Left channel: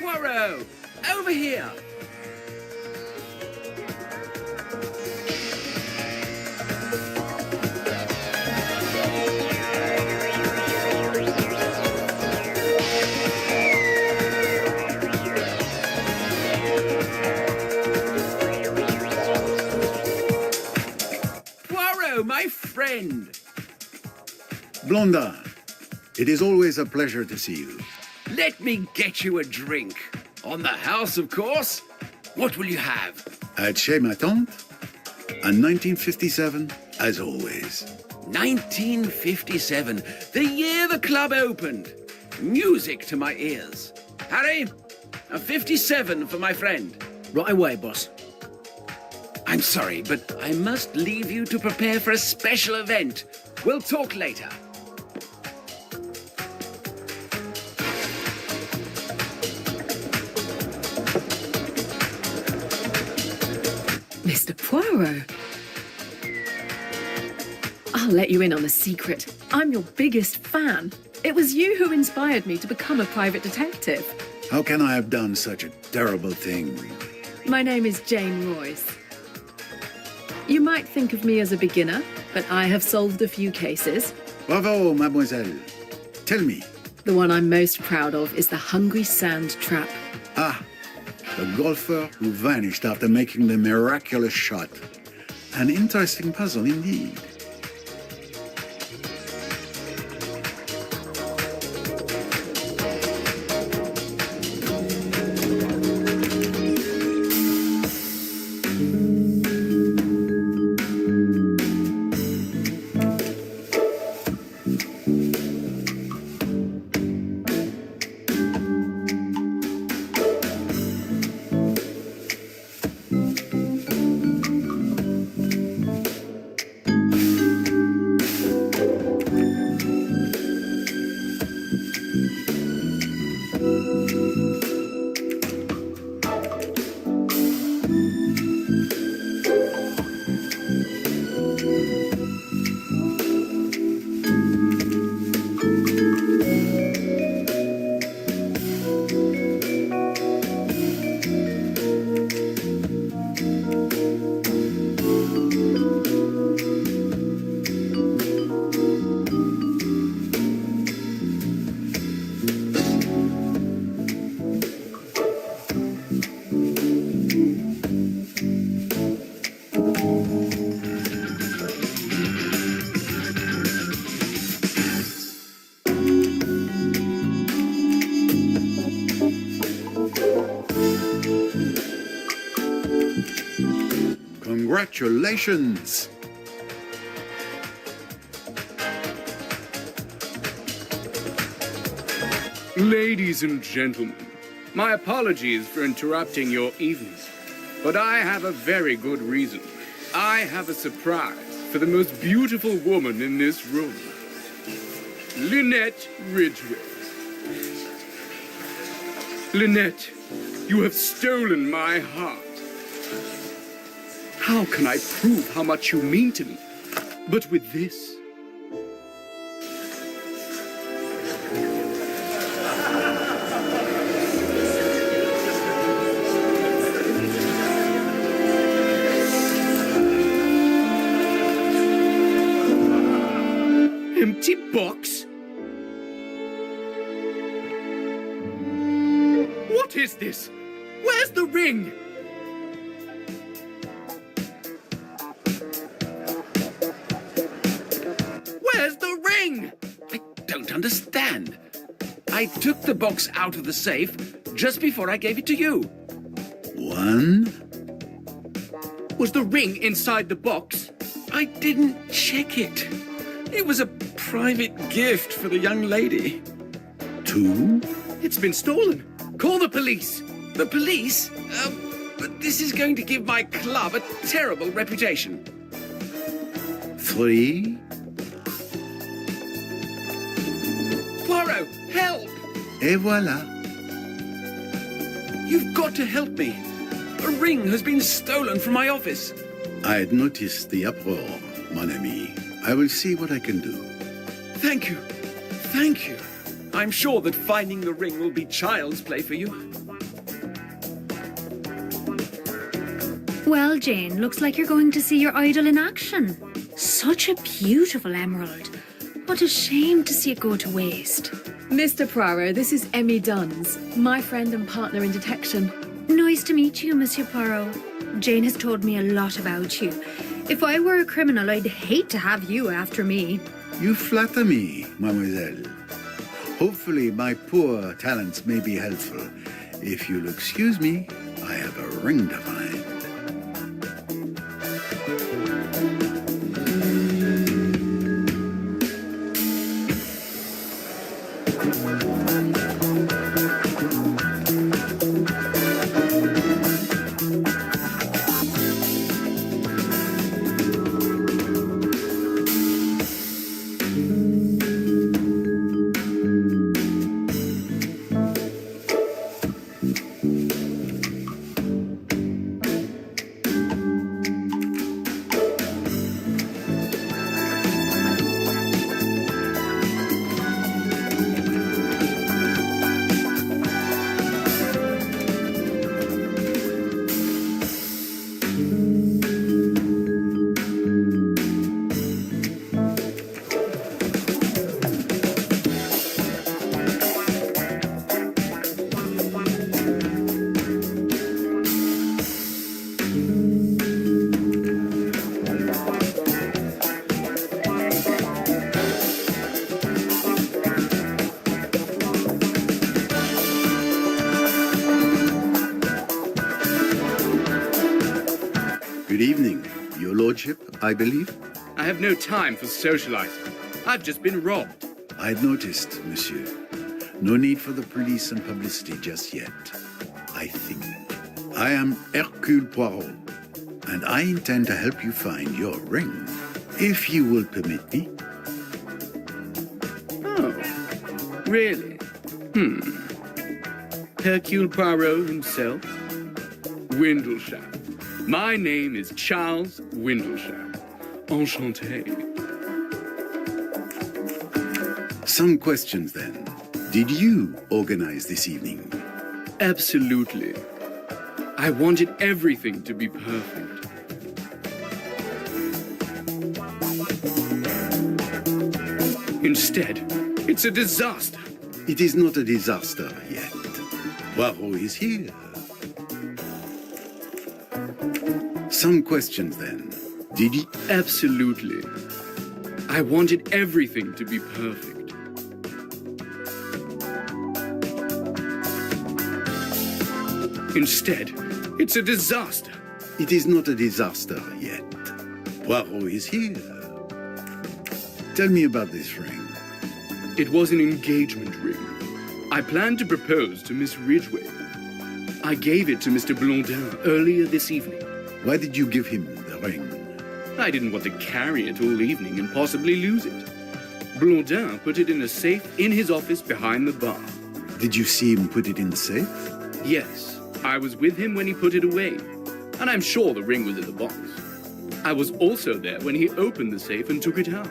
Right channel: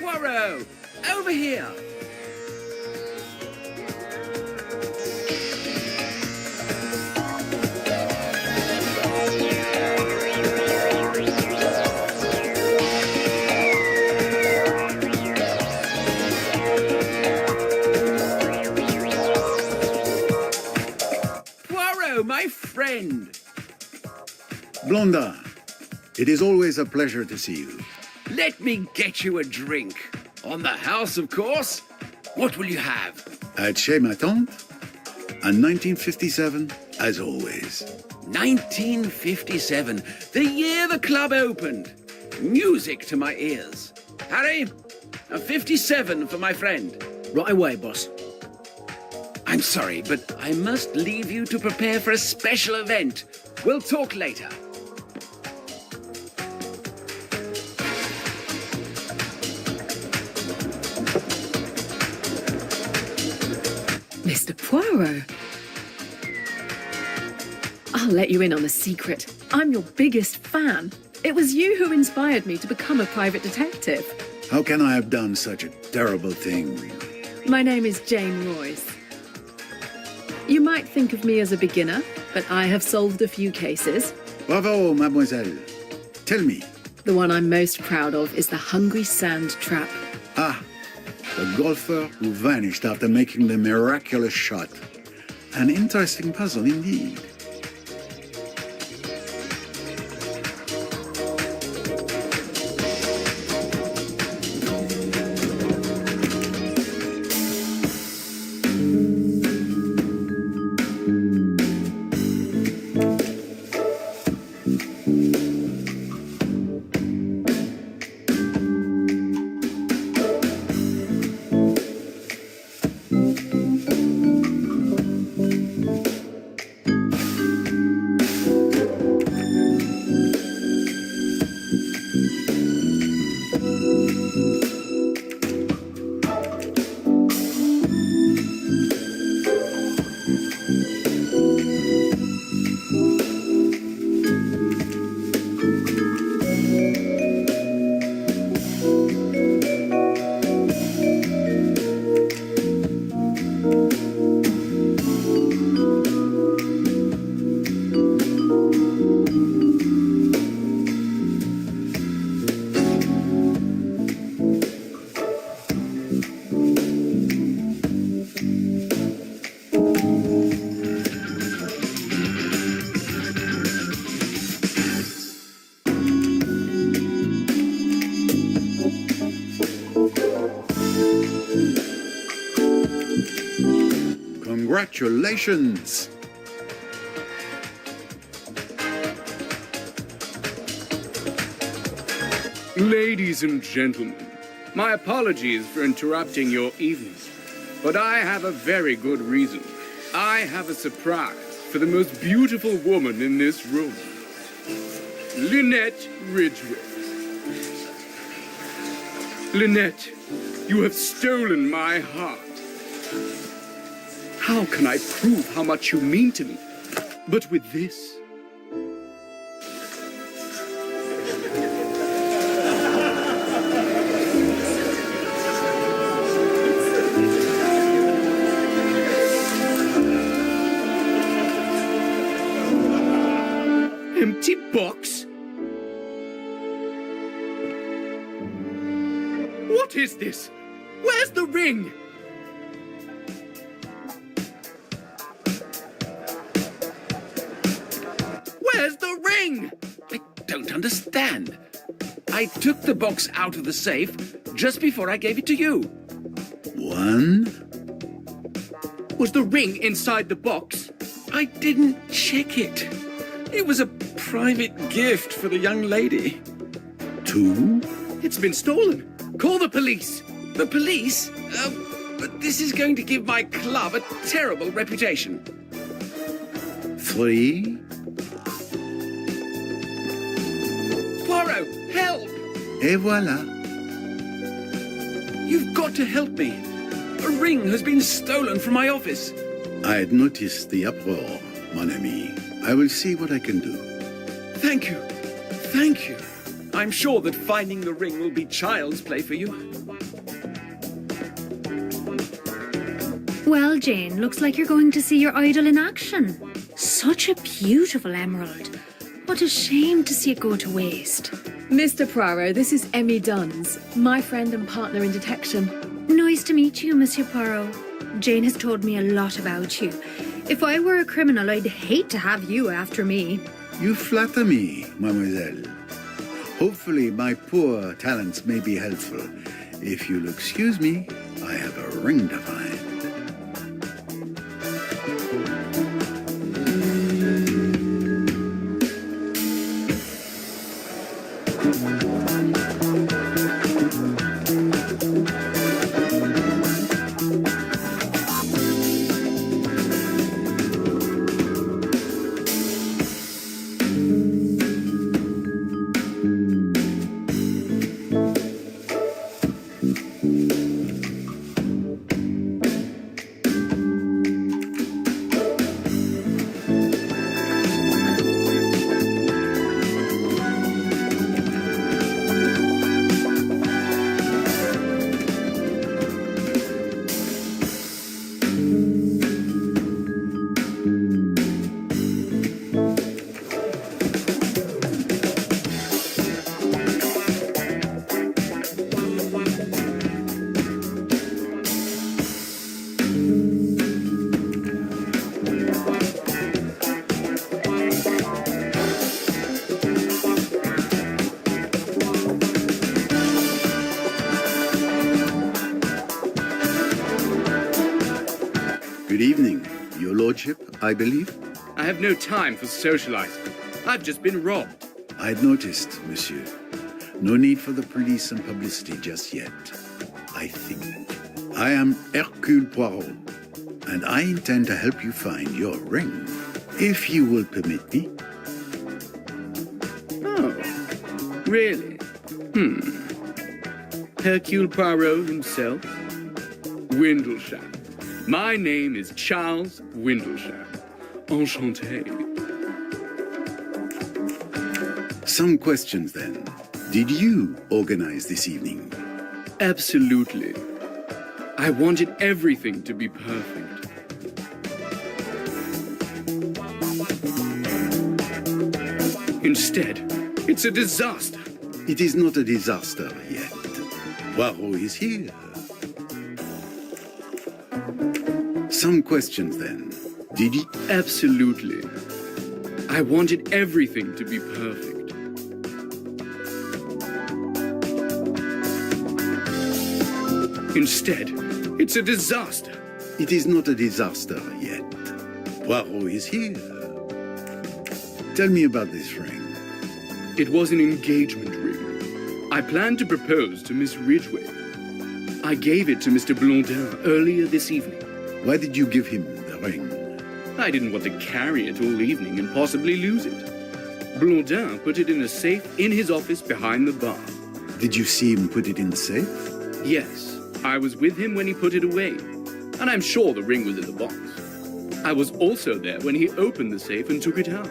Poirot, over here. Poirot, my friend. Blondin, it is always a pleasure to see you. Let me get you a drink. On the house, of course. What will you have? At Chez, ma tante, and 1957, as always. 1957, the year the club opened. Music to my ears. Harry, a 57 for my friend. Right away, boss. I'm sorry, but I must leave you to prepare for a special event. We'll talk later. Mr. Poirot. I'll let you in on a secret. I'm your biggest fan. It was you who inspired me to become a private detective. How can I have done such a terrible thing? My name is Jane Royce. You might think of me as a beginner, but I have solved a few cases. Bravo, mademoiselle. Tell me. The one I'm most proud of is the Hungry Sand Trap. Ah, the golfer who vanished after making the miraculous shot. An interesting puzzle indeed. Congratulations! Ladies and gentlemen, my apologies for interrupting your evening, but I have a very good reason. I have a surprise for the most beautiful woman in this room, Lynette Ridgway. Lynette, you have stolen my heart. How can I prove how much you mean to me but with this? Empty box? What is this? Where's the ring? understand. I took the box out of the safe just before I gave it to you. One? Was the ring inside the box? I didn't check it. It was a private gift for the young lady. Two? It's been stolen. Call the police. The police? But this is going to give my club a terrible reputation. Three? Poirot, help! Et voilà. You've got to help me. A ring has been stolen from my office. I had noticed the uproar, mon ami. I will see what I can do. Thank you. Thank you. I'm sure that finding the ring will be child's play for you. Well, Jane, looks like you're going to see your idol in action. Such a beautiful emerald. What a shame to see it go to waste. Mr. Poirot, this is Emmy Duns, my friend and partner in detection. Nice to meet you, Monsieur Poirot. Jane has told me a lot about you. If I were a criminal, I'd hate to have you after me. You flatter me, mademoiselle. Hopefully my poor talents may be helpful. If you'll excuse me, I have a ring to find. Good evening, Your Lordship, I believe. I have no time for socializing. I've just been robbed. I had noticed, monsieur. No need for the police and publicity just yet. I think. I am Hercule Poirot, and I intend to help you find your ring, if you will permit me. Oh, really? Hercule Poirot himself? Windlesham. My name is Charles Windlesham. Enchanté. Some questions then. Did you organize this evening? Absolutely. I wanted everything to be perfect. Instead, it's a disaster. It is not a disaster yet. Poirot is here. Some questions then. Did you? Absolutely. I wanted everything to be perfect. Instead, it's a disaster. It is not a disaster yet. Poirot is here. Tell me about this ring. It was an engagement ring. I planned to propose to Miss Ridgway. I gave it to Mr. Blondin earlier this evening. Why did you give him the ring? I didn't want to carry it all evening and possibly lose it. Blondin put it in a safe in his office behind the bar. Did you see him put it in the safe? Yes, I was with him when he put it away, and I'm sure the ring was in the box. I was also there when he opened the safe and took it out.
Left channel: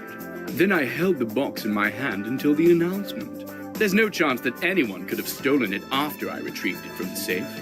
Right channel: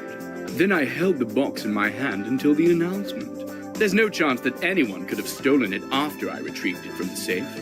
Then I held the box in my hand until the announcement. There's no chance that anyone could have stolen it after I retrieved it from the safe.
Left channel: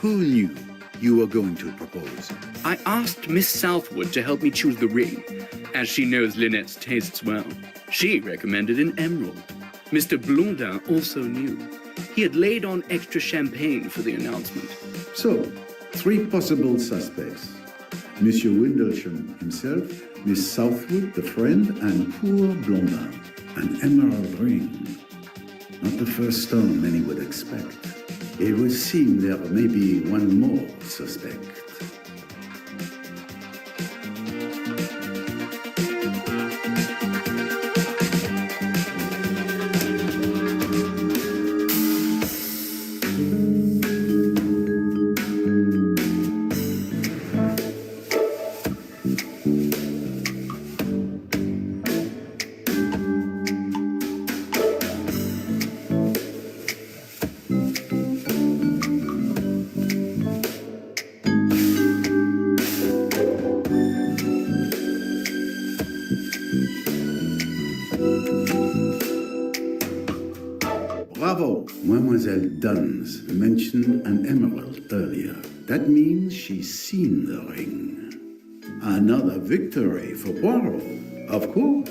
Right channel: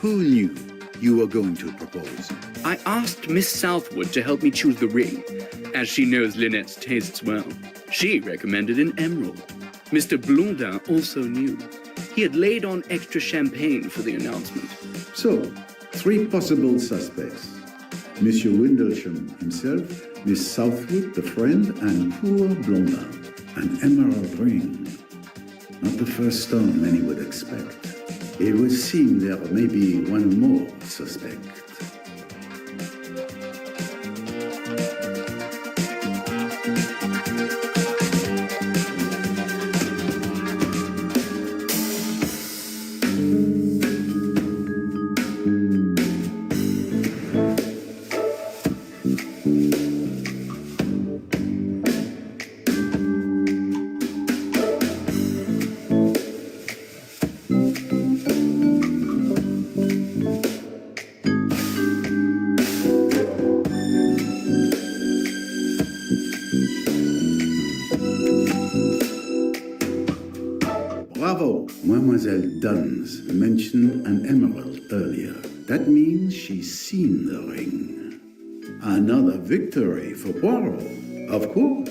Who knew you were going to propose? I asked Miss Southwood to help me choose the ring, as she knows Lynette's tastes well. She recommended an emerald. Mr. Blondin also knew. He had laid on extra champagne for the announcement. So, 3 possible suspects. Monsieur Windlesham himself, Miss Southwood, the friend, and poor Blondin. An emerald ring. Not the first stone many would expect. It would seem there may be one more suspect. Bravo! Mademoiselle Duns mentioned an emerald earlier. That means she's seen the ring. Another victory for Poirot, of course.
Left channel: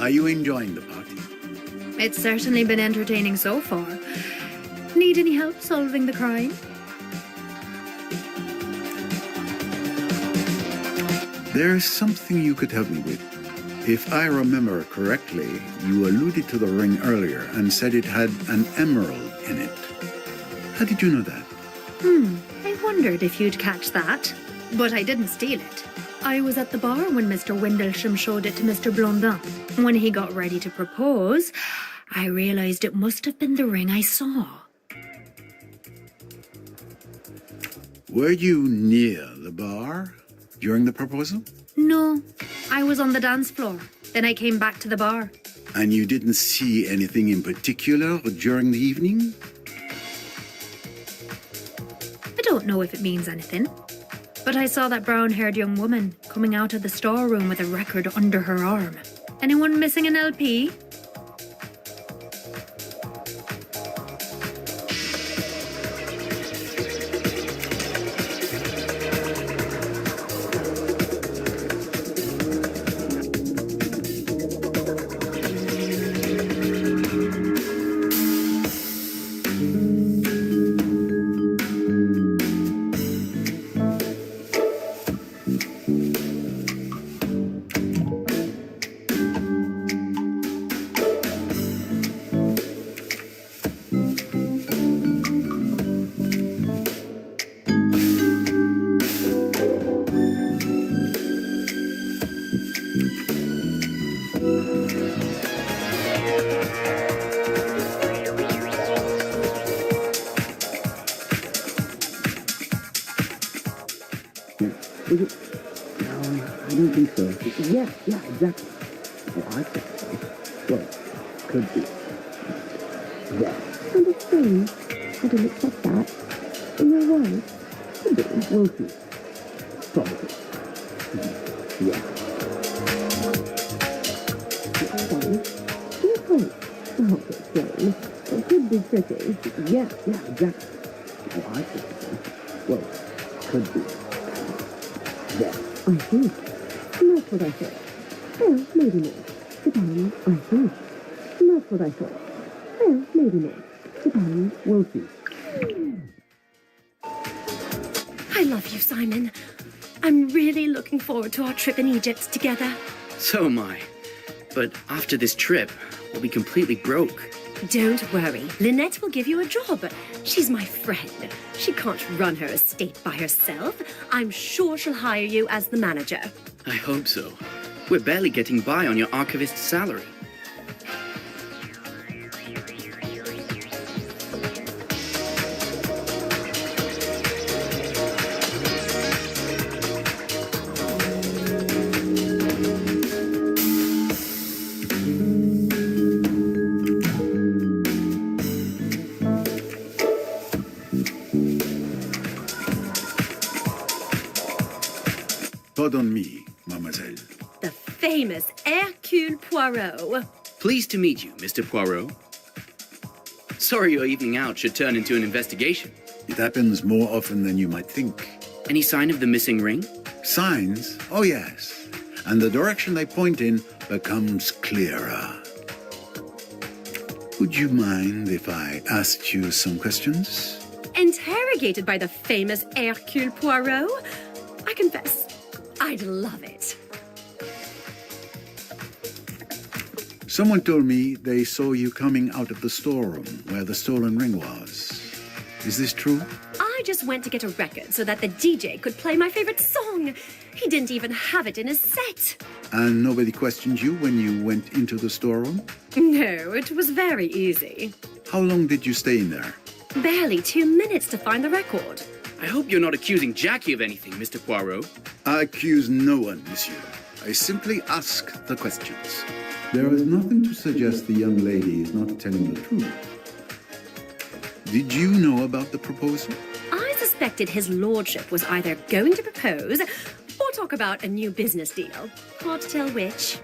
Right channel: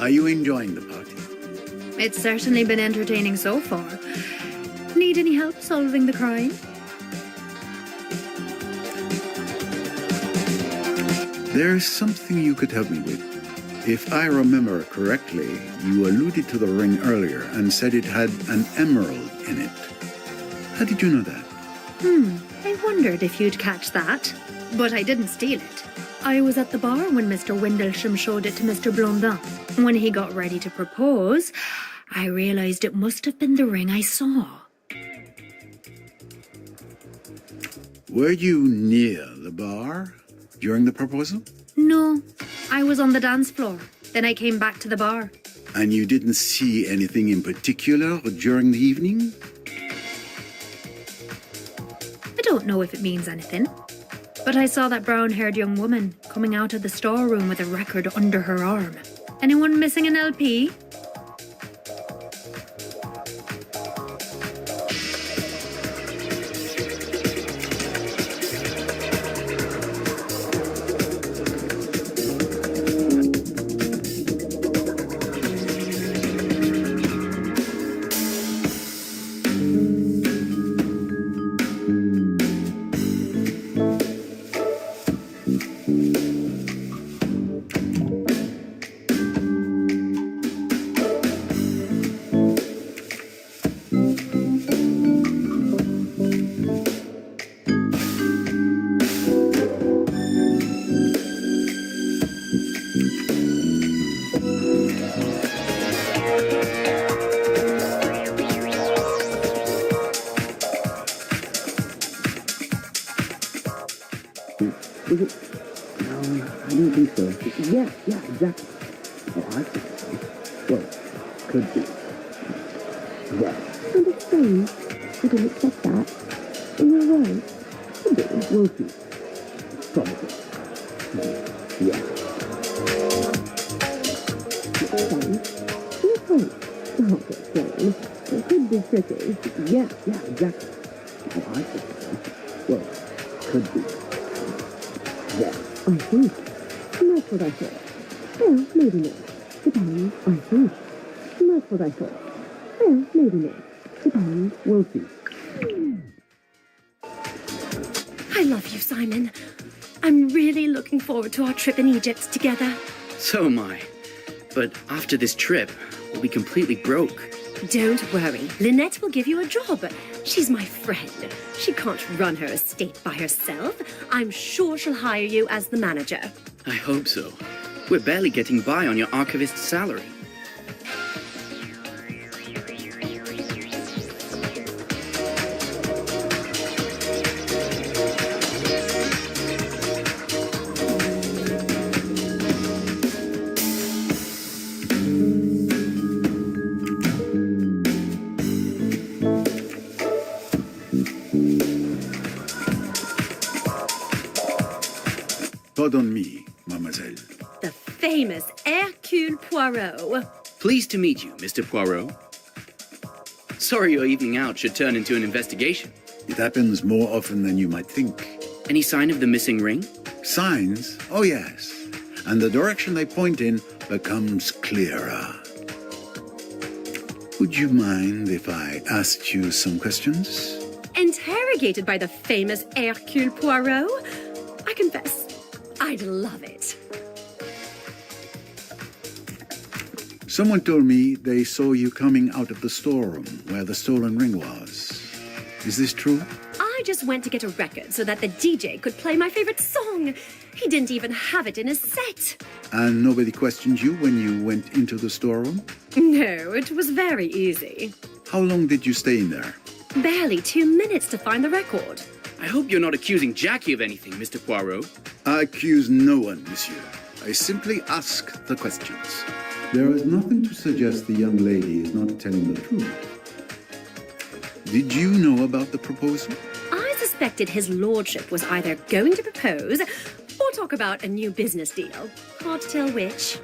Are you enjoying the party? It's certainly been entertaining so far. Need any help solving the crime? There's something you could help me with. If I remember correctly, you alluded to the ring earlier and said it had an emerald in it. How did you know that? I wondered if you'd catch that. But I didn't steal it. I was at the bar when Mr. Windlesham showed it to Mr. Blondin. When he got ready to propose, I realized it must have been the ring I saw. Were you near the bar during the proposal? No, I was on the dance floor. Then I came back to the bar. And you didn't see anything in particular during the evening? I don't know if it means anything. But I saw that brown-haired young woman coming out of the storeroom with a record under her arm. Anyone missing an LP? Was it? No, I don't think so. Yeah, exactly. Oh, I think so. Well, could be. Yeah. Kind of strange. I didn't expect that. You're right. Could be. We'll see. Probably. Yeah. Explain. You're right. Well, to explain. It could be tricky. Yeah, exactly. Oh, I think so. Well, could be. Yeah. I see. That's what I thought. Well, maybe not. Depends. I see. That's what I thought. Well, maybe not. Depends. We'll see. I love you, Simon. I'm really looking forward to our trip in Egypt together. So am I. But after this trip, we'll be completely broke. Don't worry. Lynette will give you a job. She's my friend. She can't run her estate by herself. I'm sure she'll hire you as the manager. I hope so. We're barely getting by on your archivist's salary. Pardon me, mademoiselle. The famous Hercule Poirot. Pleased to meet you, Mr. Poirot. Sorry your evening out should turn into an investigation. It happens more often than you might think. Any sign of the missing ring? Signs? Oh, yes. And the direction they point in becomes clearer. Would you mind if I asked you some questions? Interrogated by the famous Hercule Poirot? I confess, I'd love it. Someone told me they saw you coming out of the storeroom where the stolen ring was. Is this true? I just went to get a record so that the DJ could play my favorite song. He didn't even have it in his set. And nobody questioned you when you went into the storeroom? No, it was very easy. How long did you stay in there? Barely 2 minutes to find the record. I hope you're not accusing Jackie of anything, Mr. Poirot. I accuse no one, monsieur. I simply ask the questions. There is nothing to suggest the young lady is not telling the truth. Did you know about the proposal? I suspected his lordship was either going to propose or talk about a new business deal. Hard to tell which.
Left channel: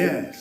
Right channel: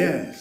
Yes.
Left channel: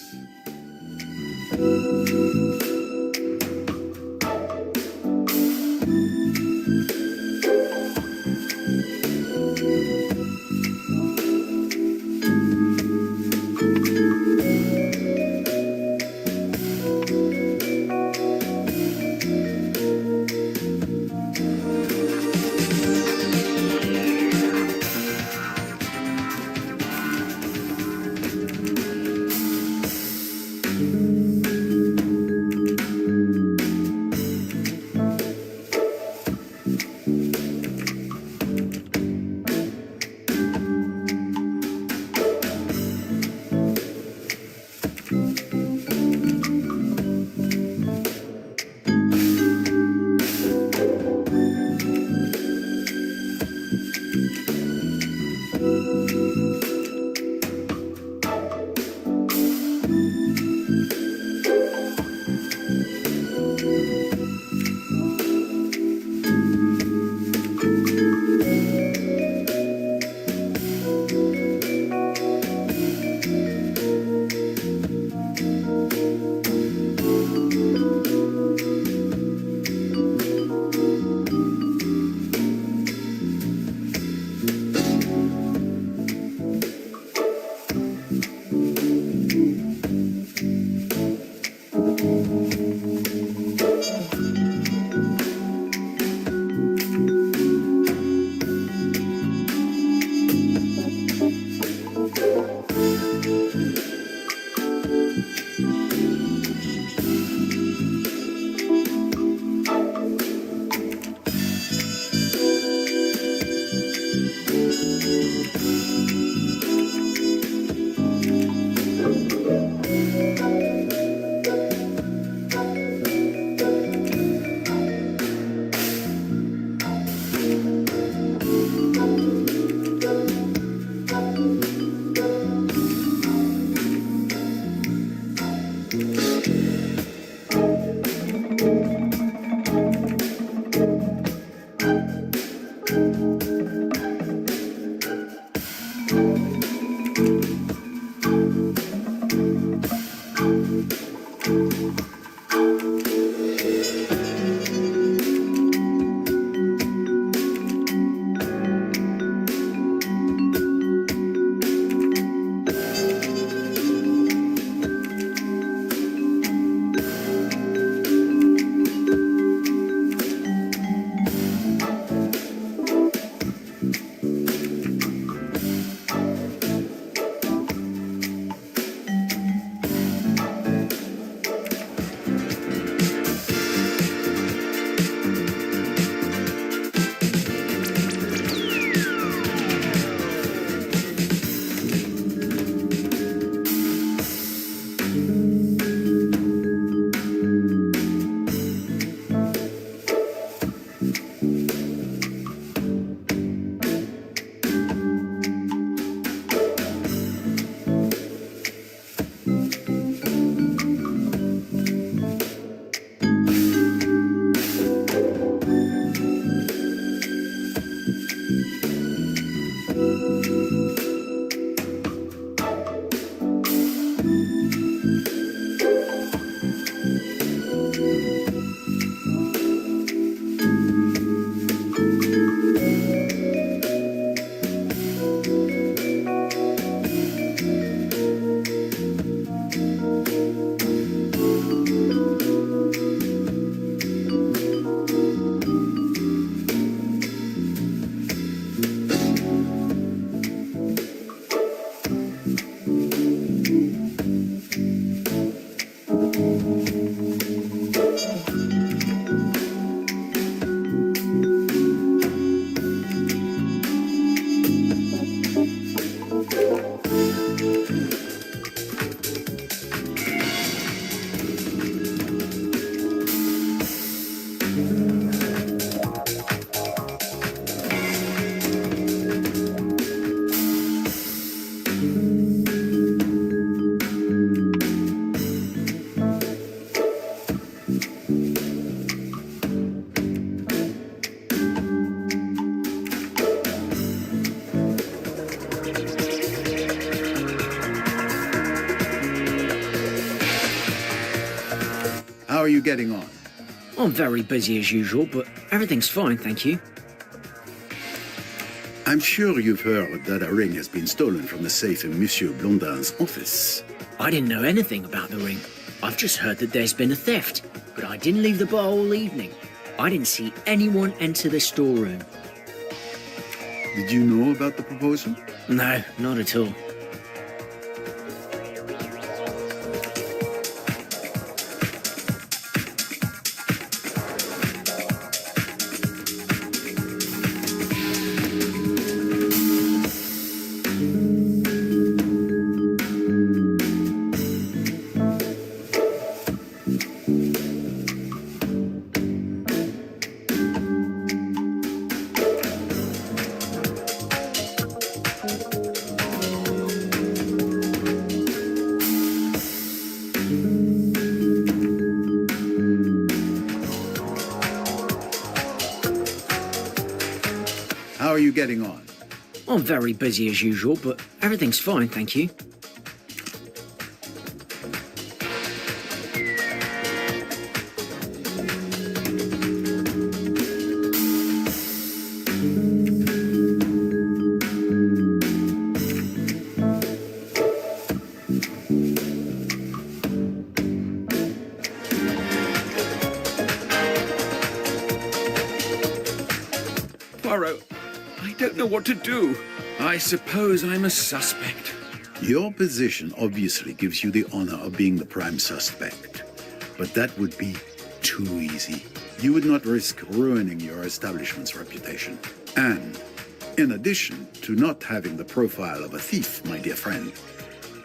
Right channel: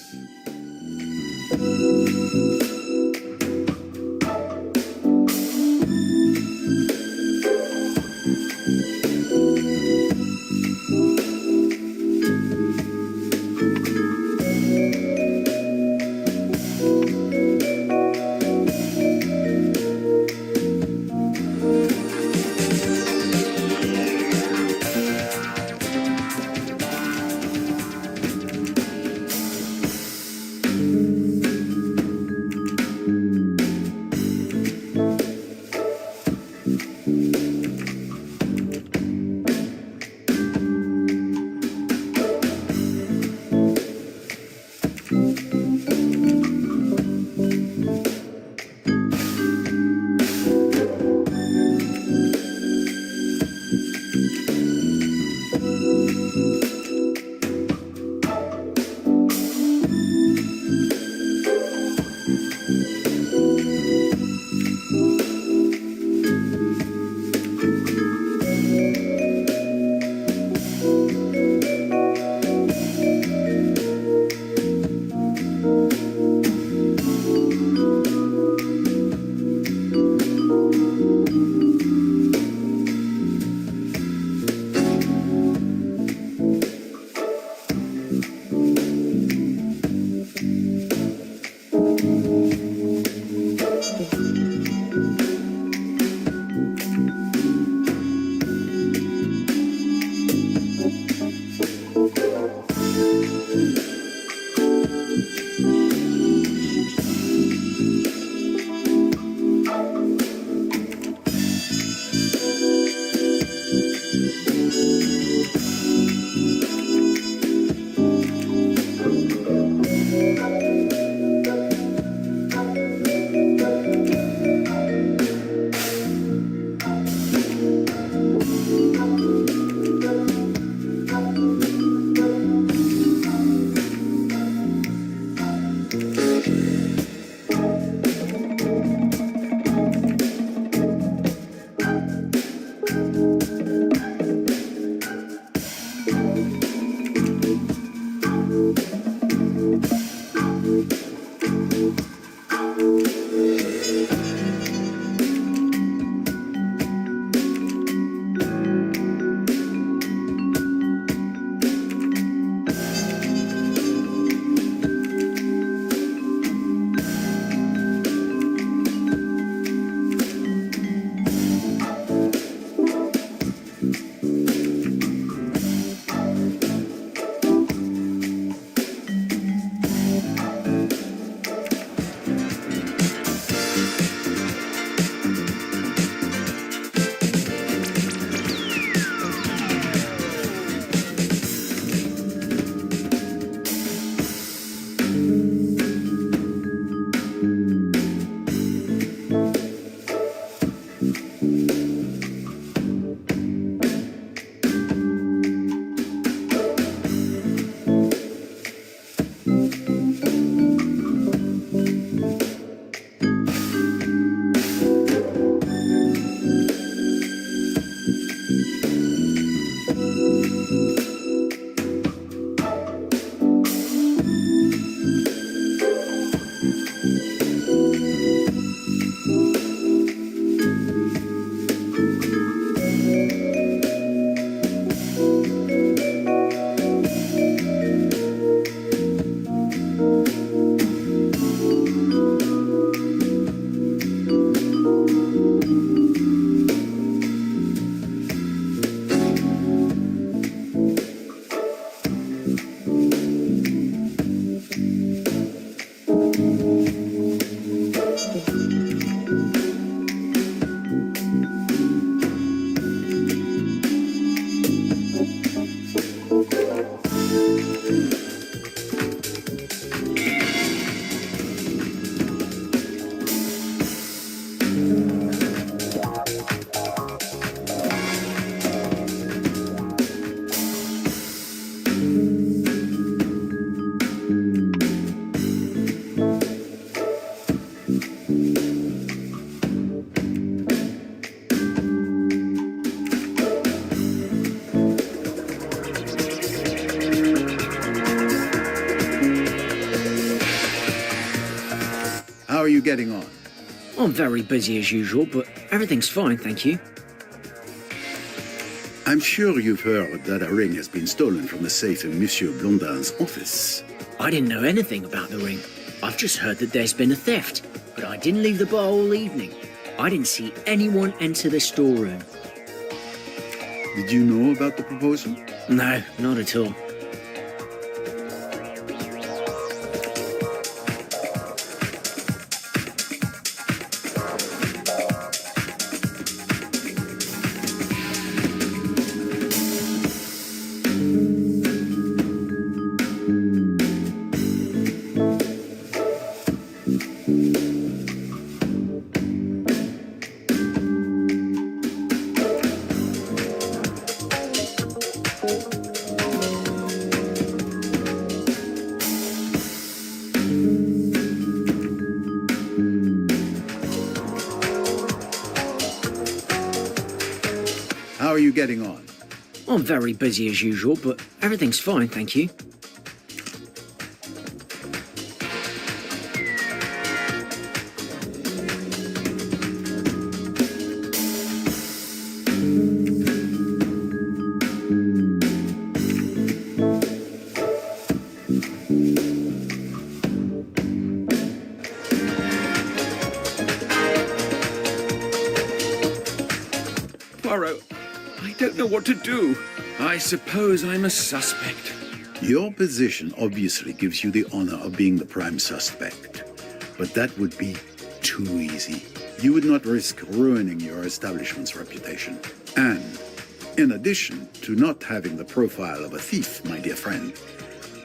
you getting on? I'm very busy as usual, but everything's fine, thank you. I'm sure you've heard that a ring has been stolen from the safe in Monsieur Blondin's office. I didn't know anything about the ring. I've just heard that there's been a theft, but I didn't leave the bar all evening. I didn't see anyone enter the storeroom. Did you know about the proposal? No, not at all. How are you getting on? I'm very busy as usual, but everything's fine, thank you. Poirot, I don't know what to do. I suppose I'm a suspect. Your position obviously gives you the honor of being the prime suspect. But that would be too easy. You would not risk ruining your establishment's reputation. And, in addition to not having the profile of a thief, my dear friend,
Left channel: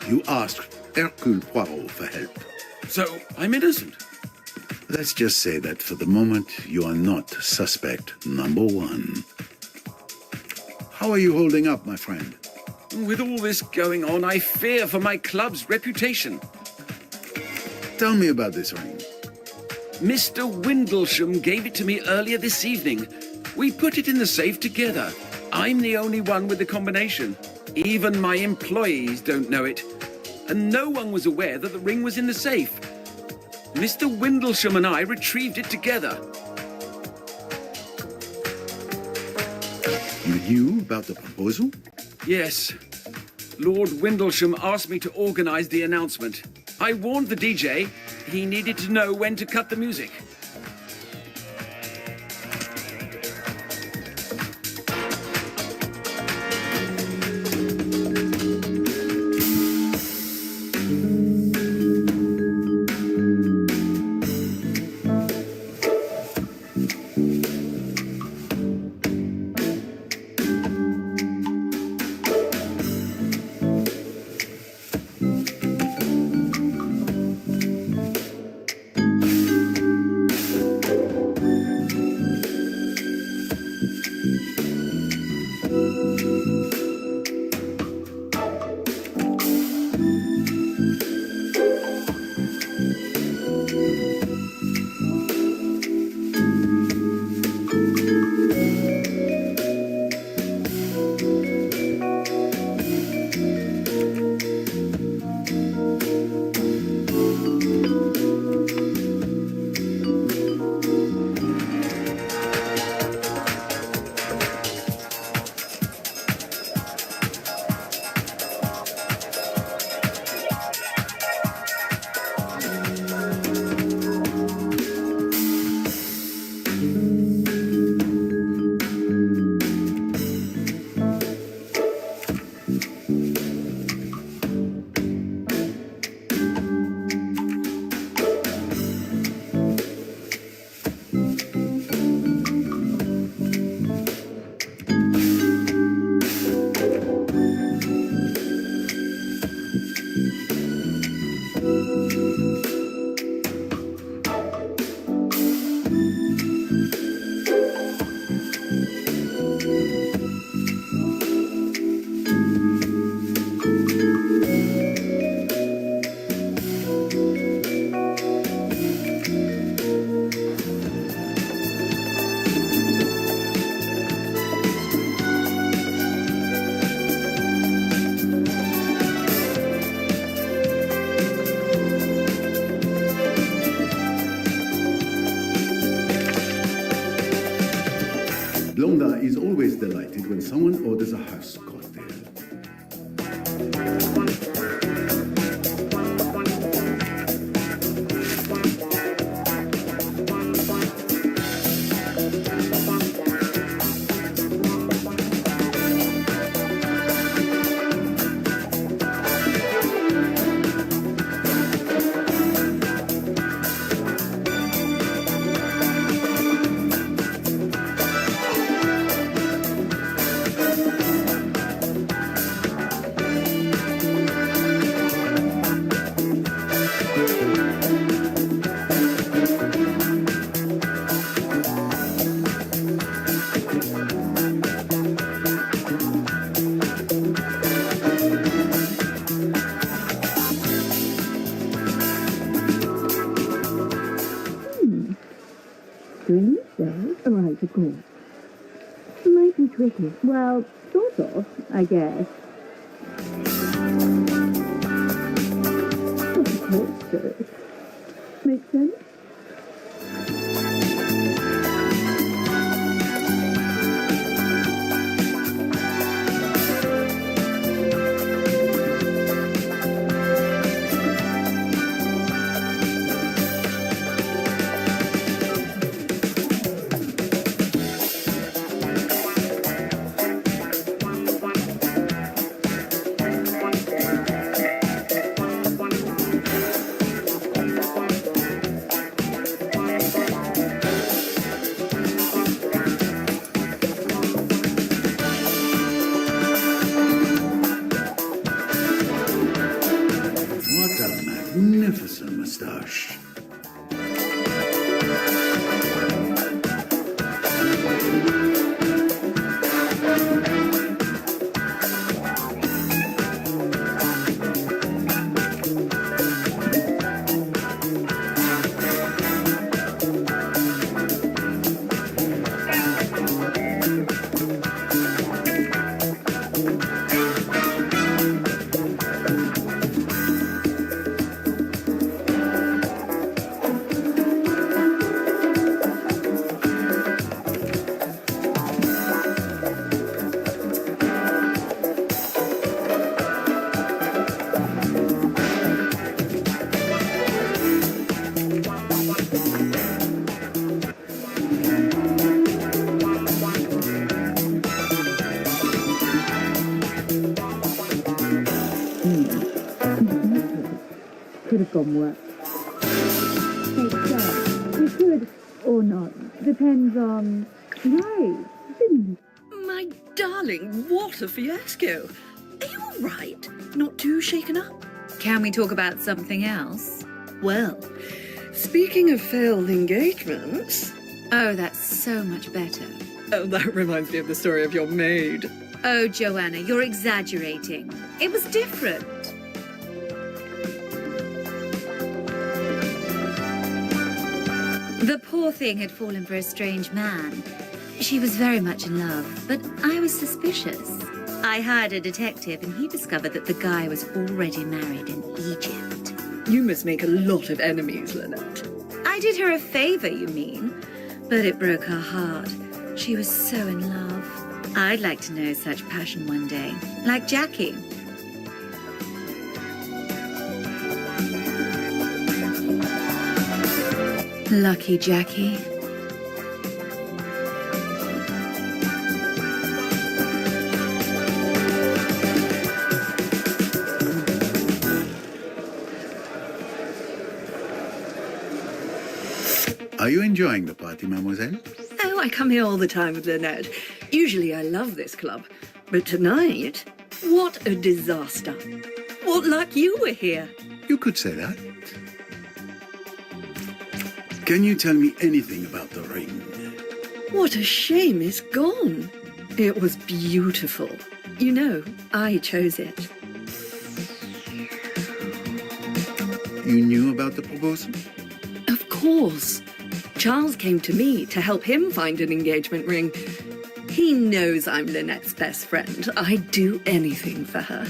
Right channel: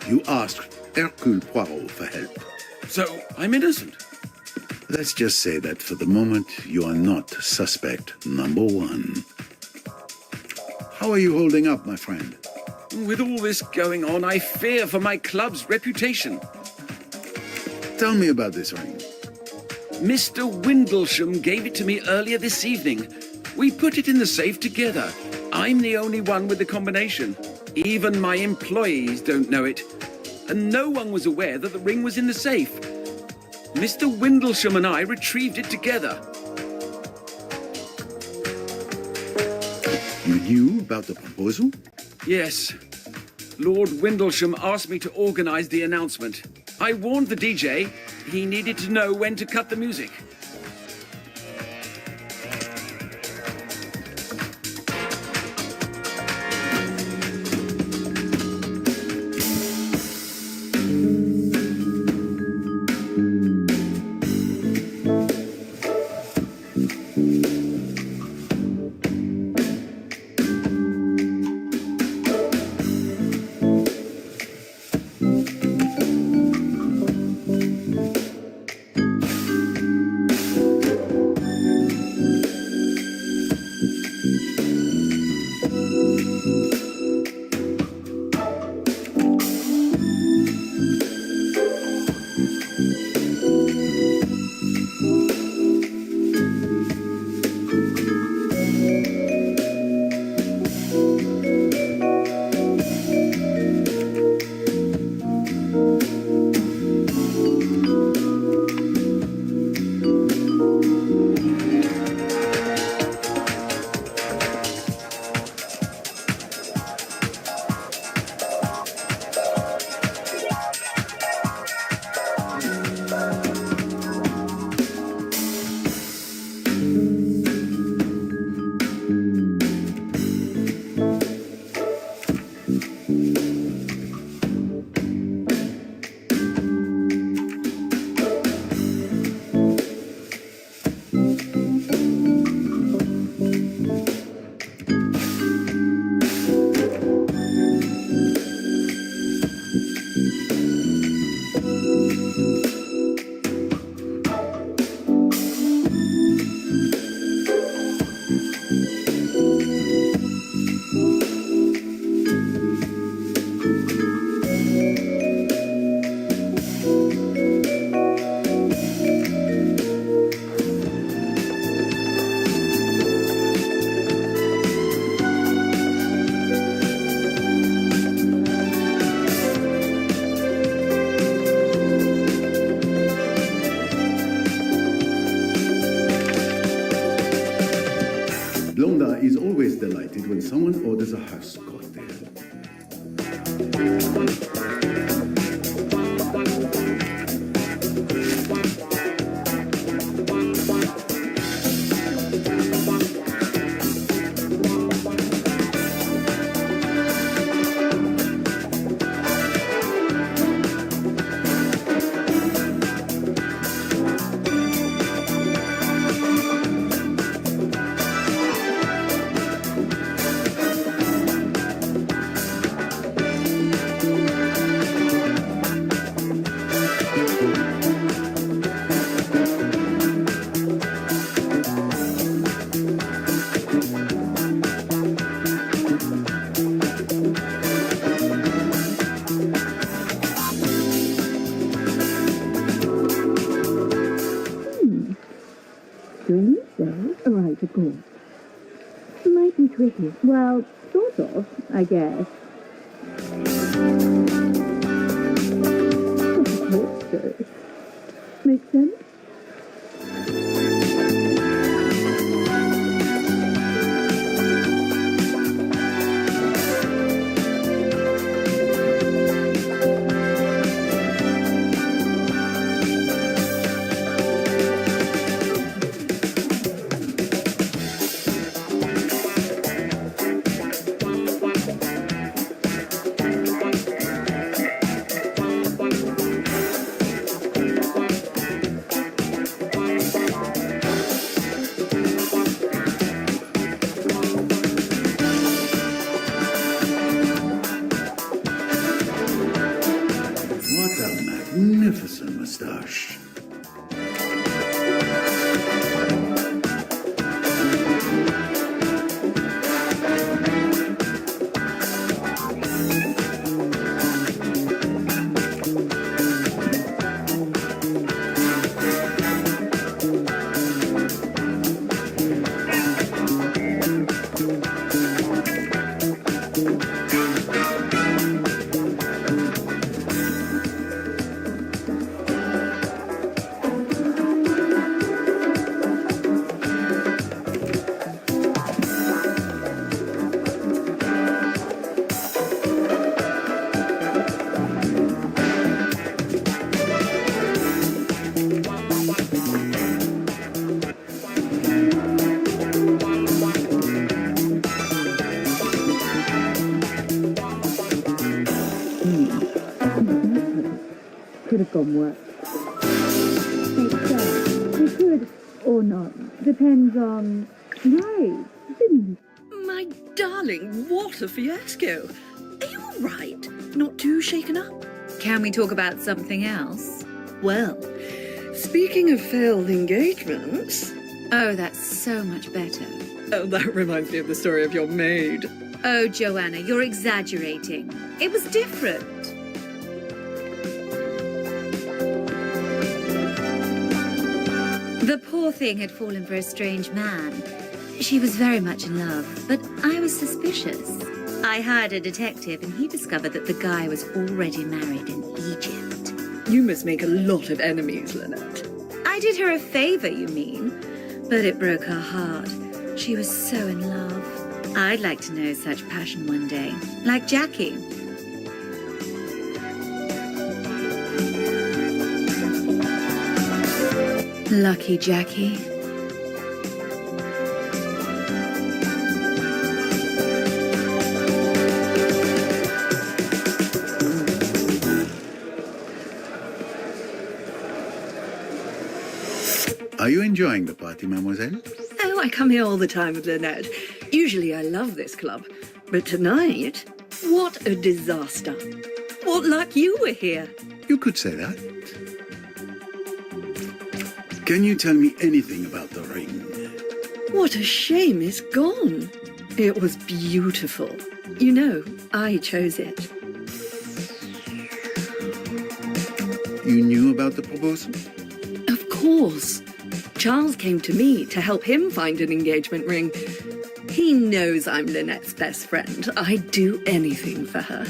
you asked Hercule Poirot for help. So, I'm innocent. Let's just say that for the moment, you are not suspect number one. How are you holding up, my friend? With all this going on, I fear for my club's reputation. Tell me about this ring. Mr. Windlesham gave it to me earlier this evening. We put it in the safe together. I'm the only one with the combination. Even my employees don't know it. And no one was aware that the ring was in the safe. Mr. Windlesham and I retrieved it together. You knew about the proposal? Yes. Lord Windlesham asked me to organize the announcement. I warned the DJ he needed to know when to cut the music. always delighted when someone orders a house cocktail. Drinks, though? Right, of course. Might be tricky. Well, sort of, I guess. Of course, so. Makes sense? What a magnificent moustache. Could have gone worse. We could, or not. Depends on... Right, didn't it? My darling, what a fiasco. Are you all right? Not too shaken up? Can we talk about something else? Well, speaking of failed engagements... Oh, that's so much better. Oh, that reminds me of the story of your maid. Oh, Joanna, you're exaggerating. It was different. The poor thing had fallen for a strange man. She was very much in love, but I was suspicious. I hired a detective and he discovered that the guy was already married in Egypt. You must make a lot of enemies, Lynette. I did her a favor, you mean? But it broke her heart. She was so in love. I'd like to know such passion one day, like Jackie. Lucky Jackie. Are you enjoying the party, mademoiselle? Oh, I come here all the time with Lynette. Usually I love this club. But tonight, what a disaster. What luck you were here. You could say that. Can you tell me anything about the ring? What a shame it's gone. It was beautiful. You know, I chose it. You knew about the proposal? Of course. Charles came to me to help him find an engagement ring. He knows I'm Lynette's best friend. I'd do anything for her.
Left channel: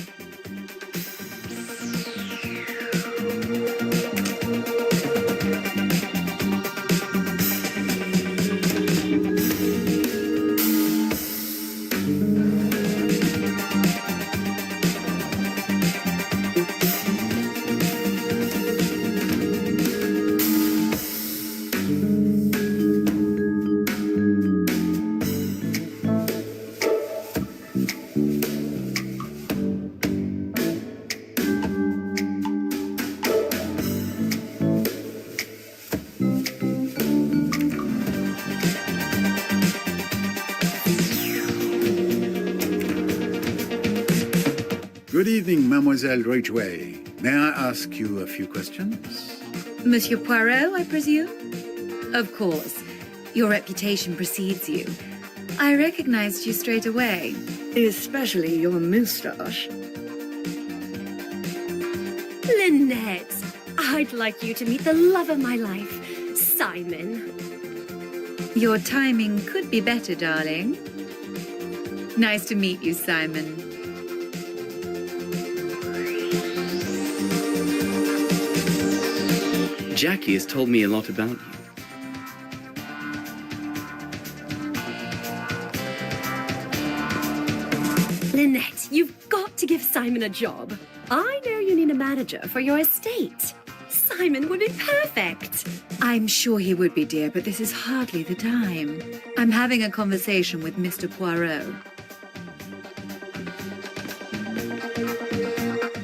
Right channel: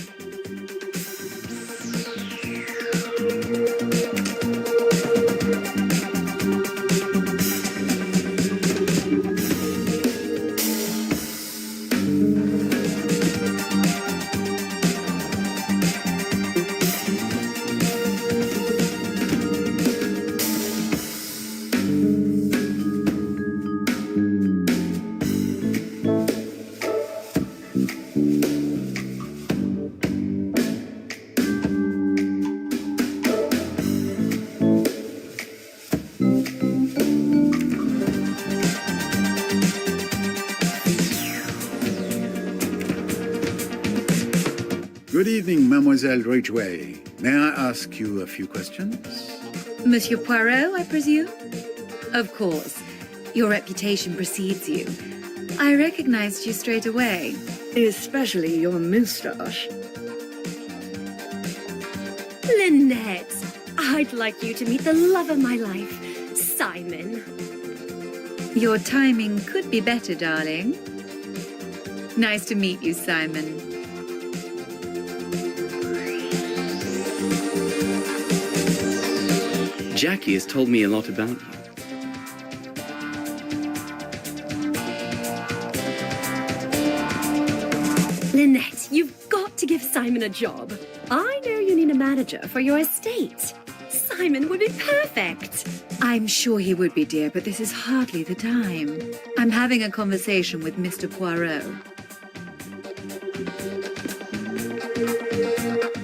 Good evening, Mademoiselle Ridgway. May I ask you a few questions? Monsieur Poirot, I presume? Of course. Your reputation precedes you. I recognized you straight away. Especially your moustache. Lynette, I'd like you to meet the love of my life, Simon. Your timing could be better, darling. Nice to meet you, Simon. Jackie has told me a lot about you. Lynette, you've got to give Simon a job. I know you need a manager for your estate. Simon would be perfect. I'm sure he would be, dear, but this is hardly the time. I'm having a conversation with Mr. Poirot.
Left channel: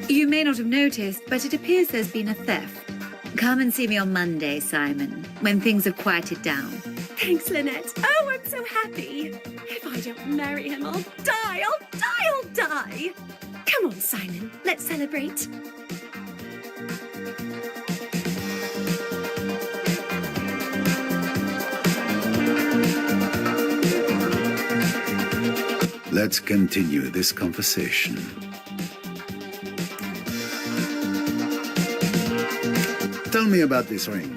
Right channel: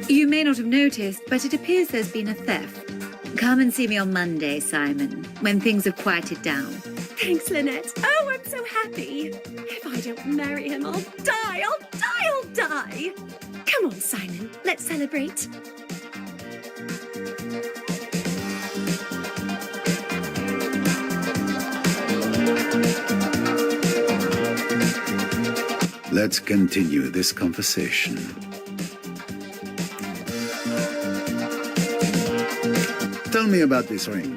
You may not have noticed, but it appears there's been a theft. Come and see me on Monday, Simon, when things have quieted down. Thanks, Lynette. Oh, I'm so happy. If I don't marry him, I'll die. I'll die. Come on, Simon. Let's celebrate. Let's continue this conversation. Tell me about this ring.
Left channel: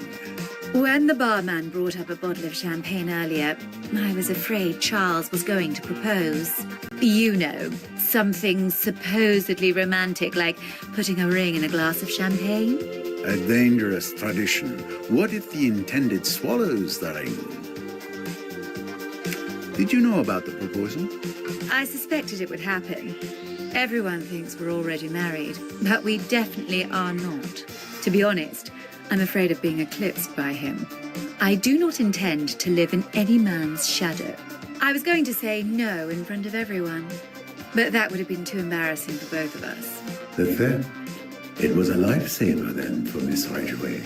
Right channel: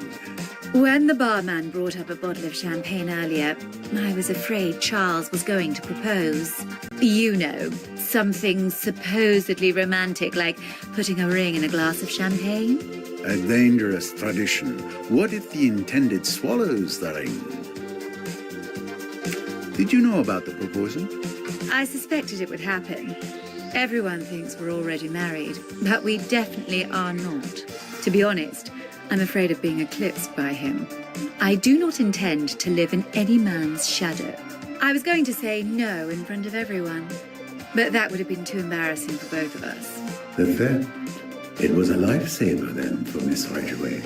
When the barman brought up a bottle of champagne earlier, I was afraid Charles was going to propose. You know, something supposedly romantic like putting a ring in a glass of champagne. A dangerous tradition. What if the intended swallows the ring? Did you know about the proposal? I suspected it would happen. Everyone thinks we're already married, but we definitely are not. To be honest, I'm afraid of being eclipsed by him. I do not intend to live in any man's shadow. I was going to say no in front of everyone, but that would have been too embarrassing for both of us. The theft. It was a lifesaver then for Miss Ridgway.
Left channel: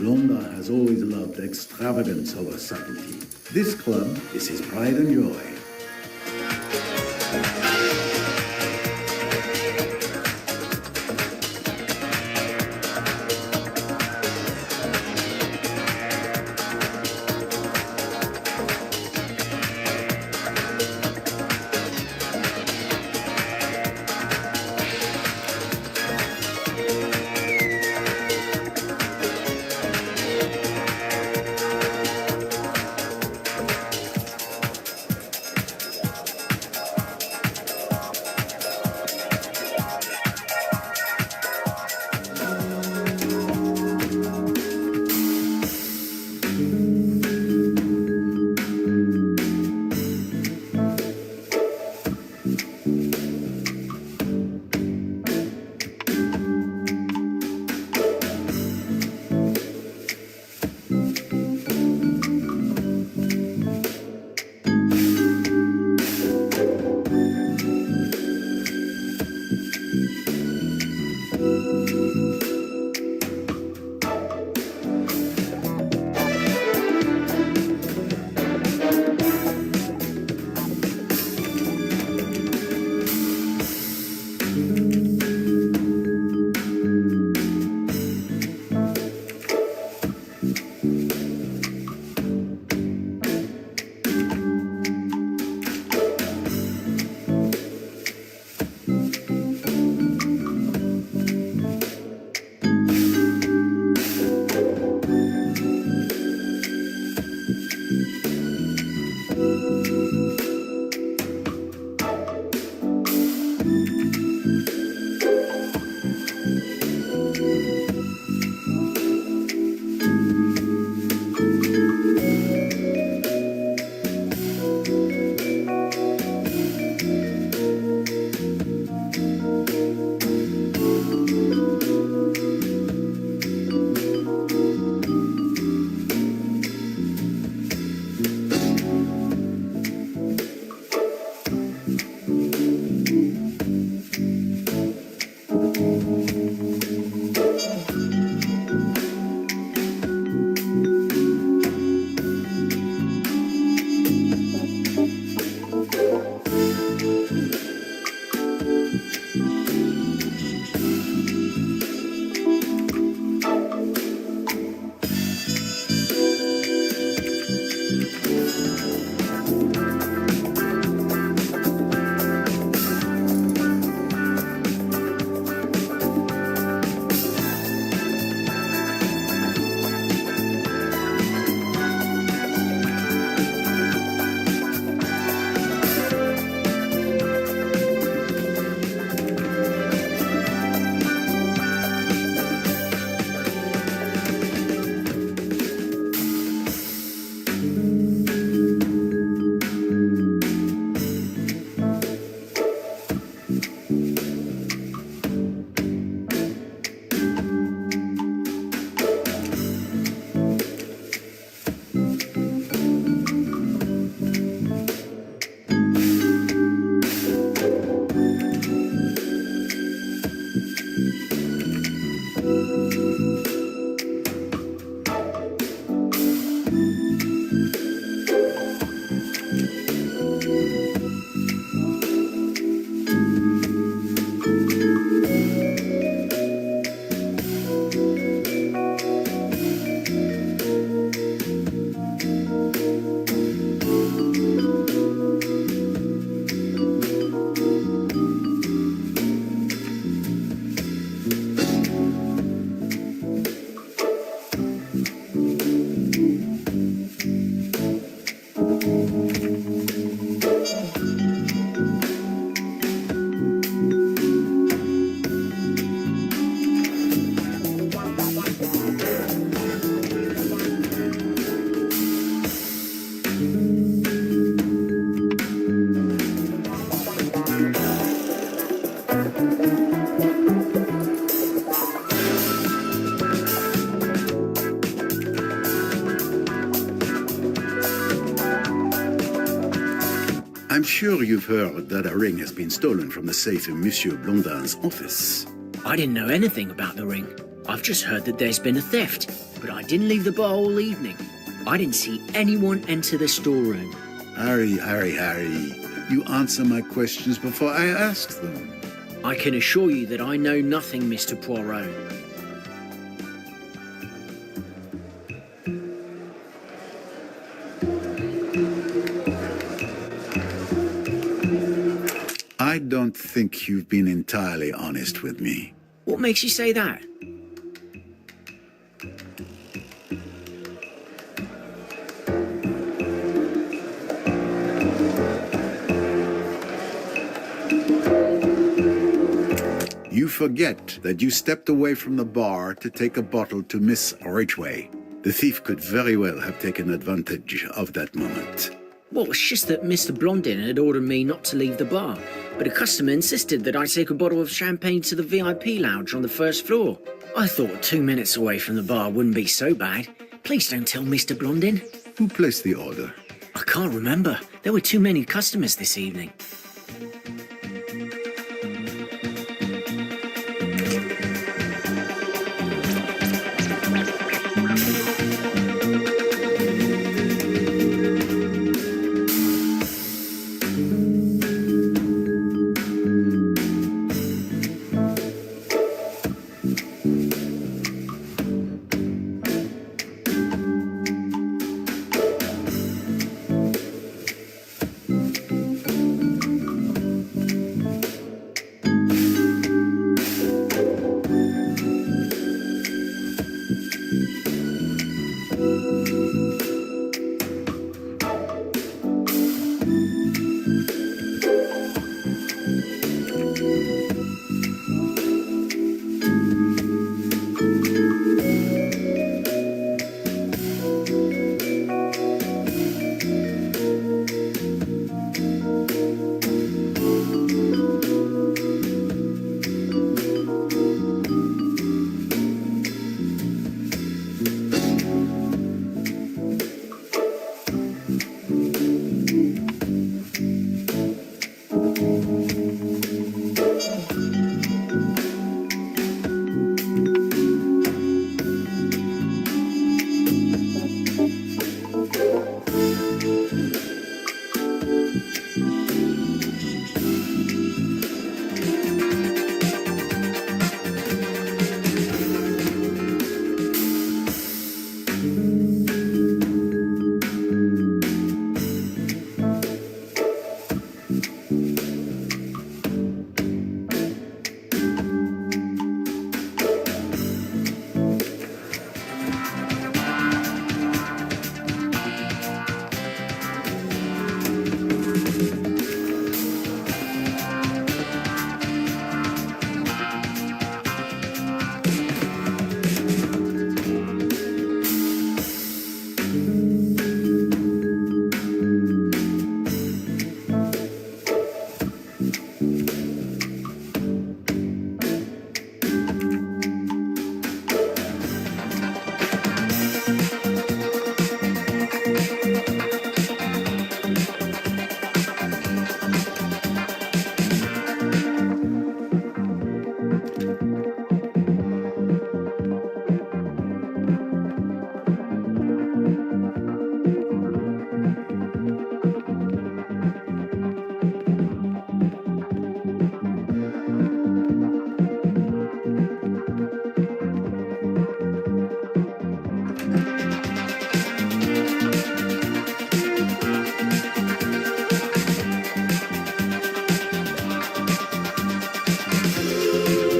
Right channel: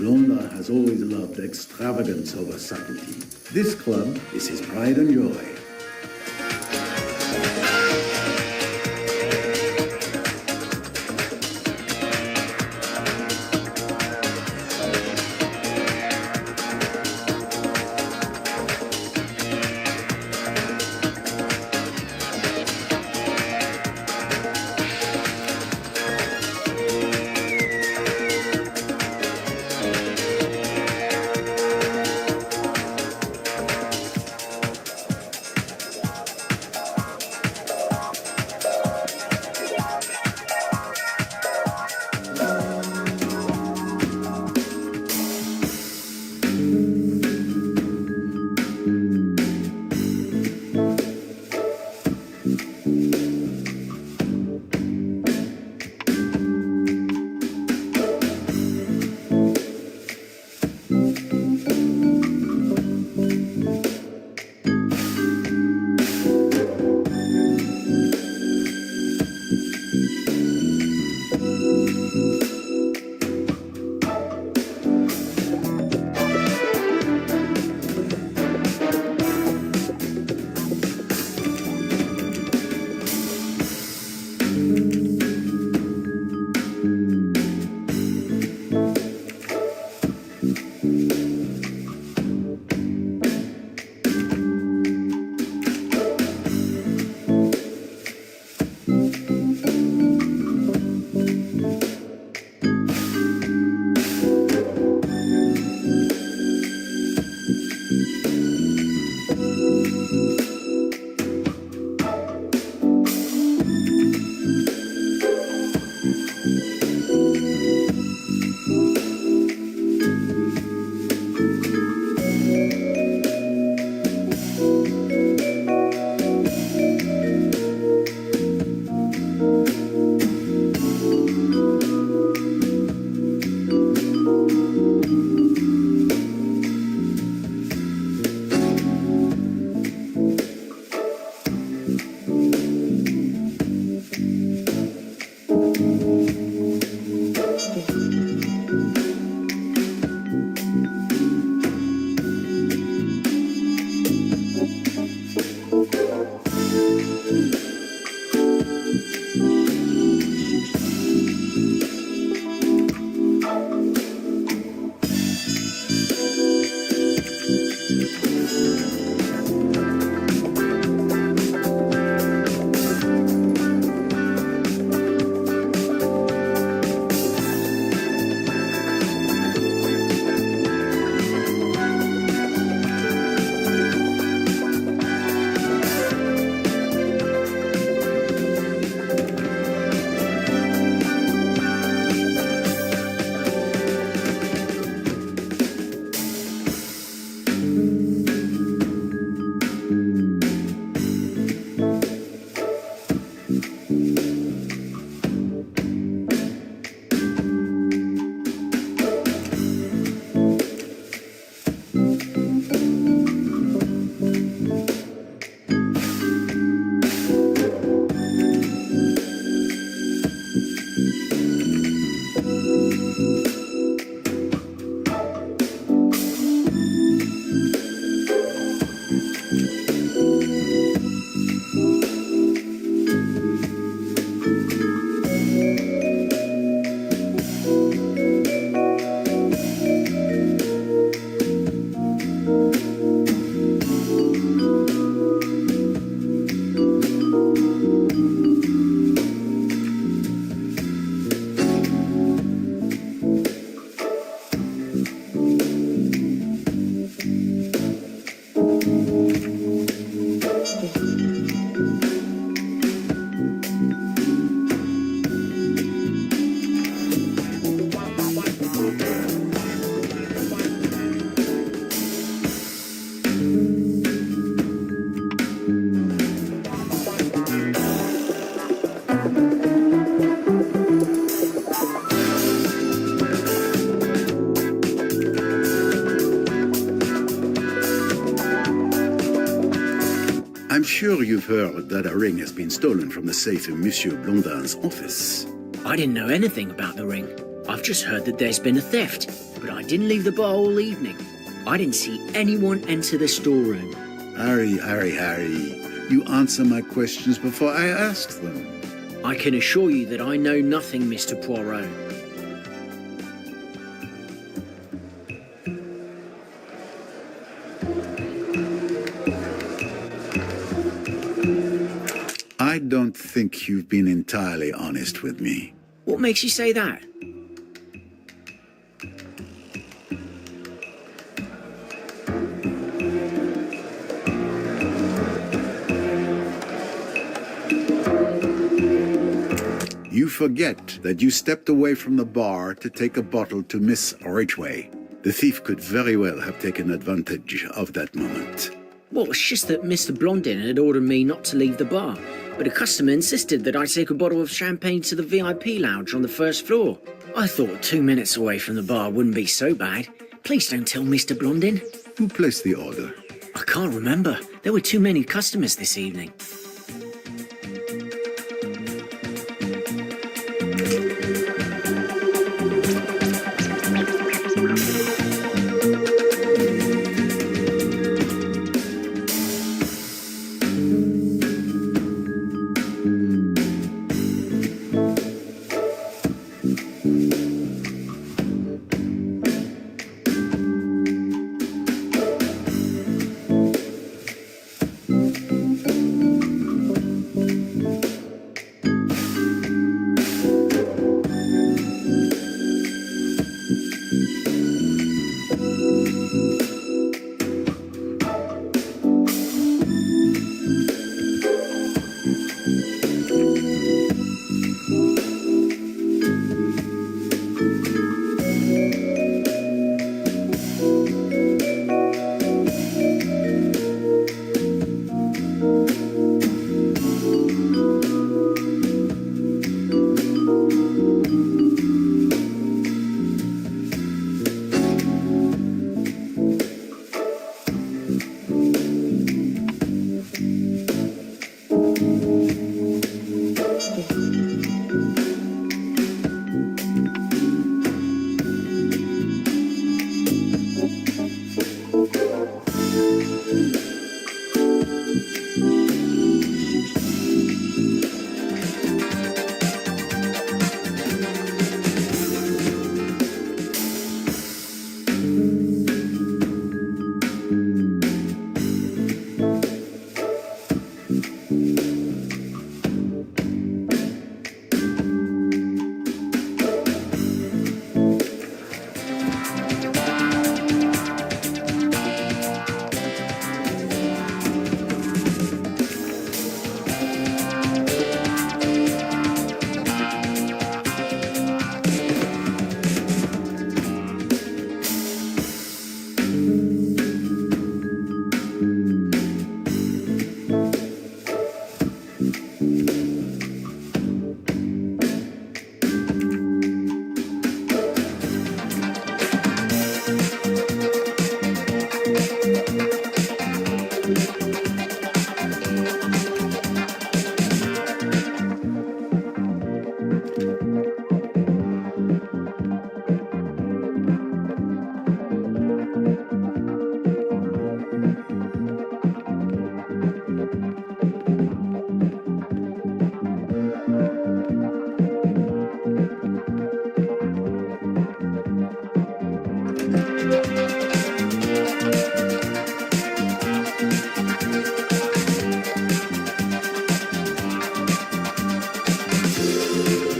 Blondin has always loved extravagance over subtlety. This club is his pride and joy. sure you've heard that a ring has been stolen from the safe in Monsieur Blondin's office. I didn't know anything about the ring. I've just heard that there's been a theft, but I didn't leave the bar all evening. I didn't see anyone enter the storeroom. Harry, you answer my questions before I ask them. I can assure you that I know nothing, Mr. Poirot. I don't think you've been entirely honest with me. What makes you say that? You forget that you stepped away from the bar to take a bottle to Miss Ridgway. The thief could very well have taken advantage of that moment. Well, it's just that Mr. Blondin had ordered me not to leave the bar, but a customer insisted that I take a bottle of champagne to the VIP lounge on the first floor. I thought 2 minutes away from the bar wouldn't be so bad. Please don't tell Mr. Blondin. Who placed the order? I can't remember. There were too many customers this evening.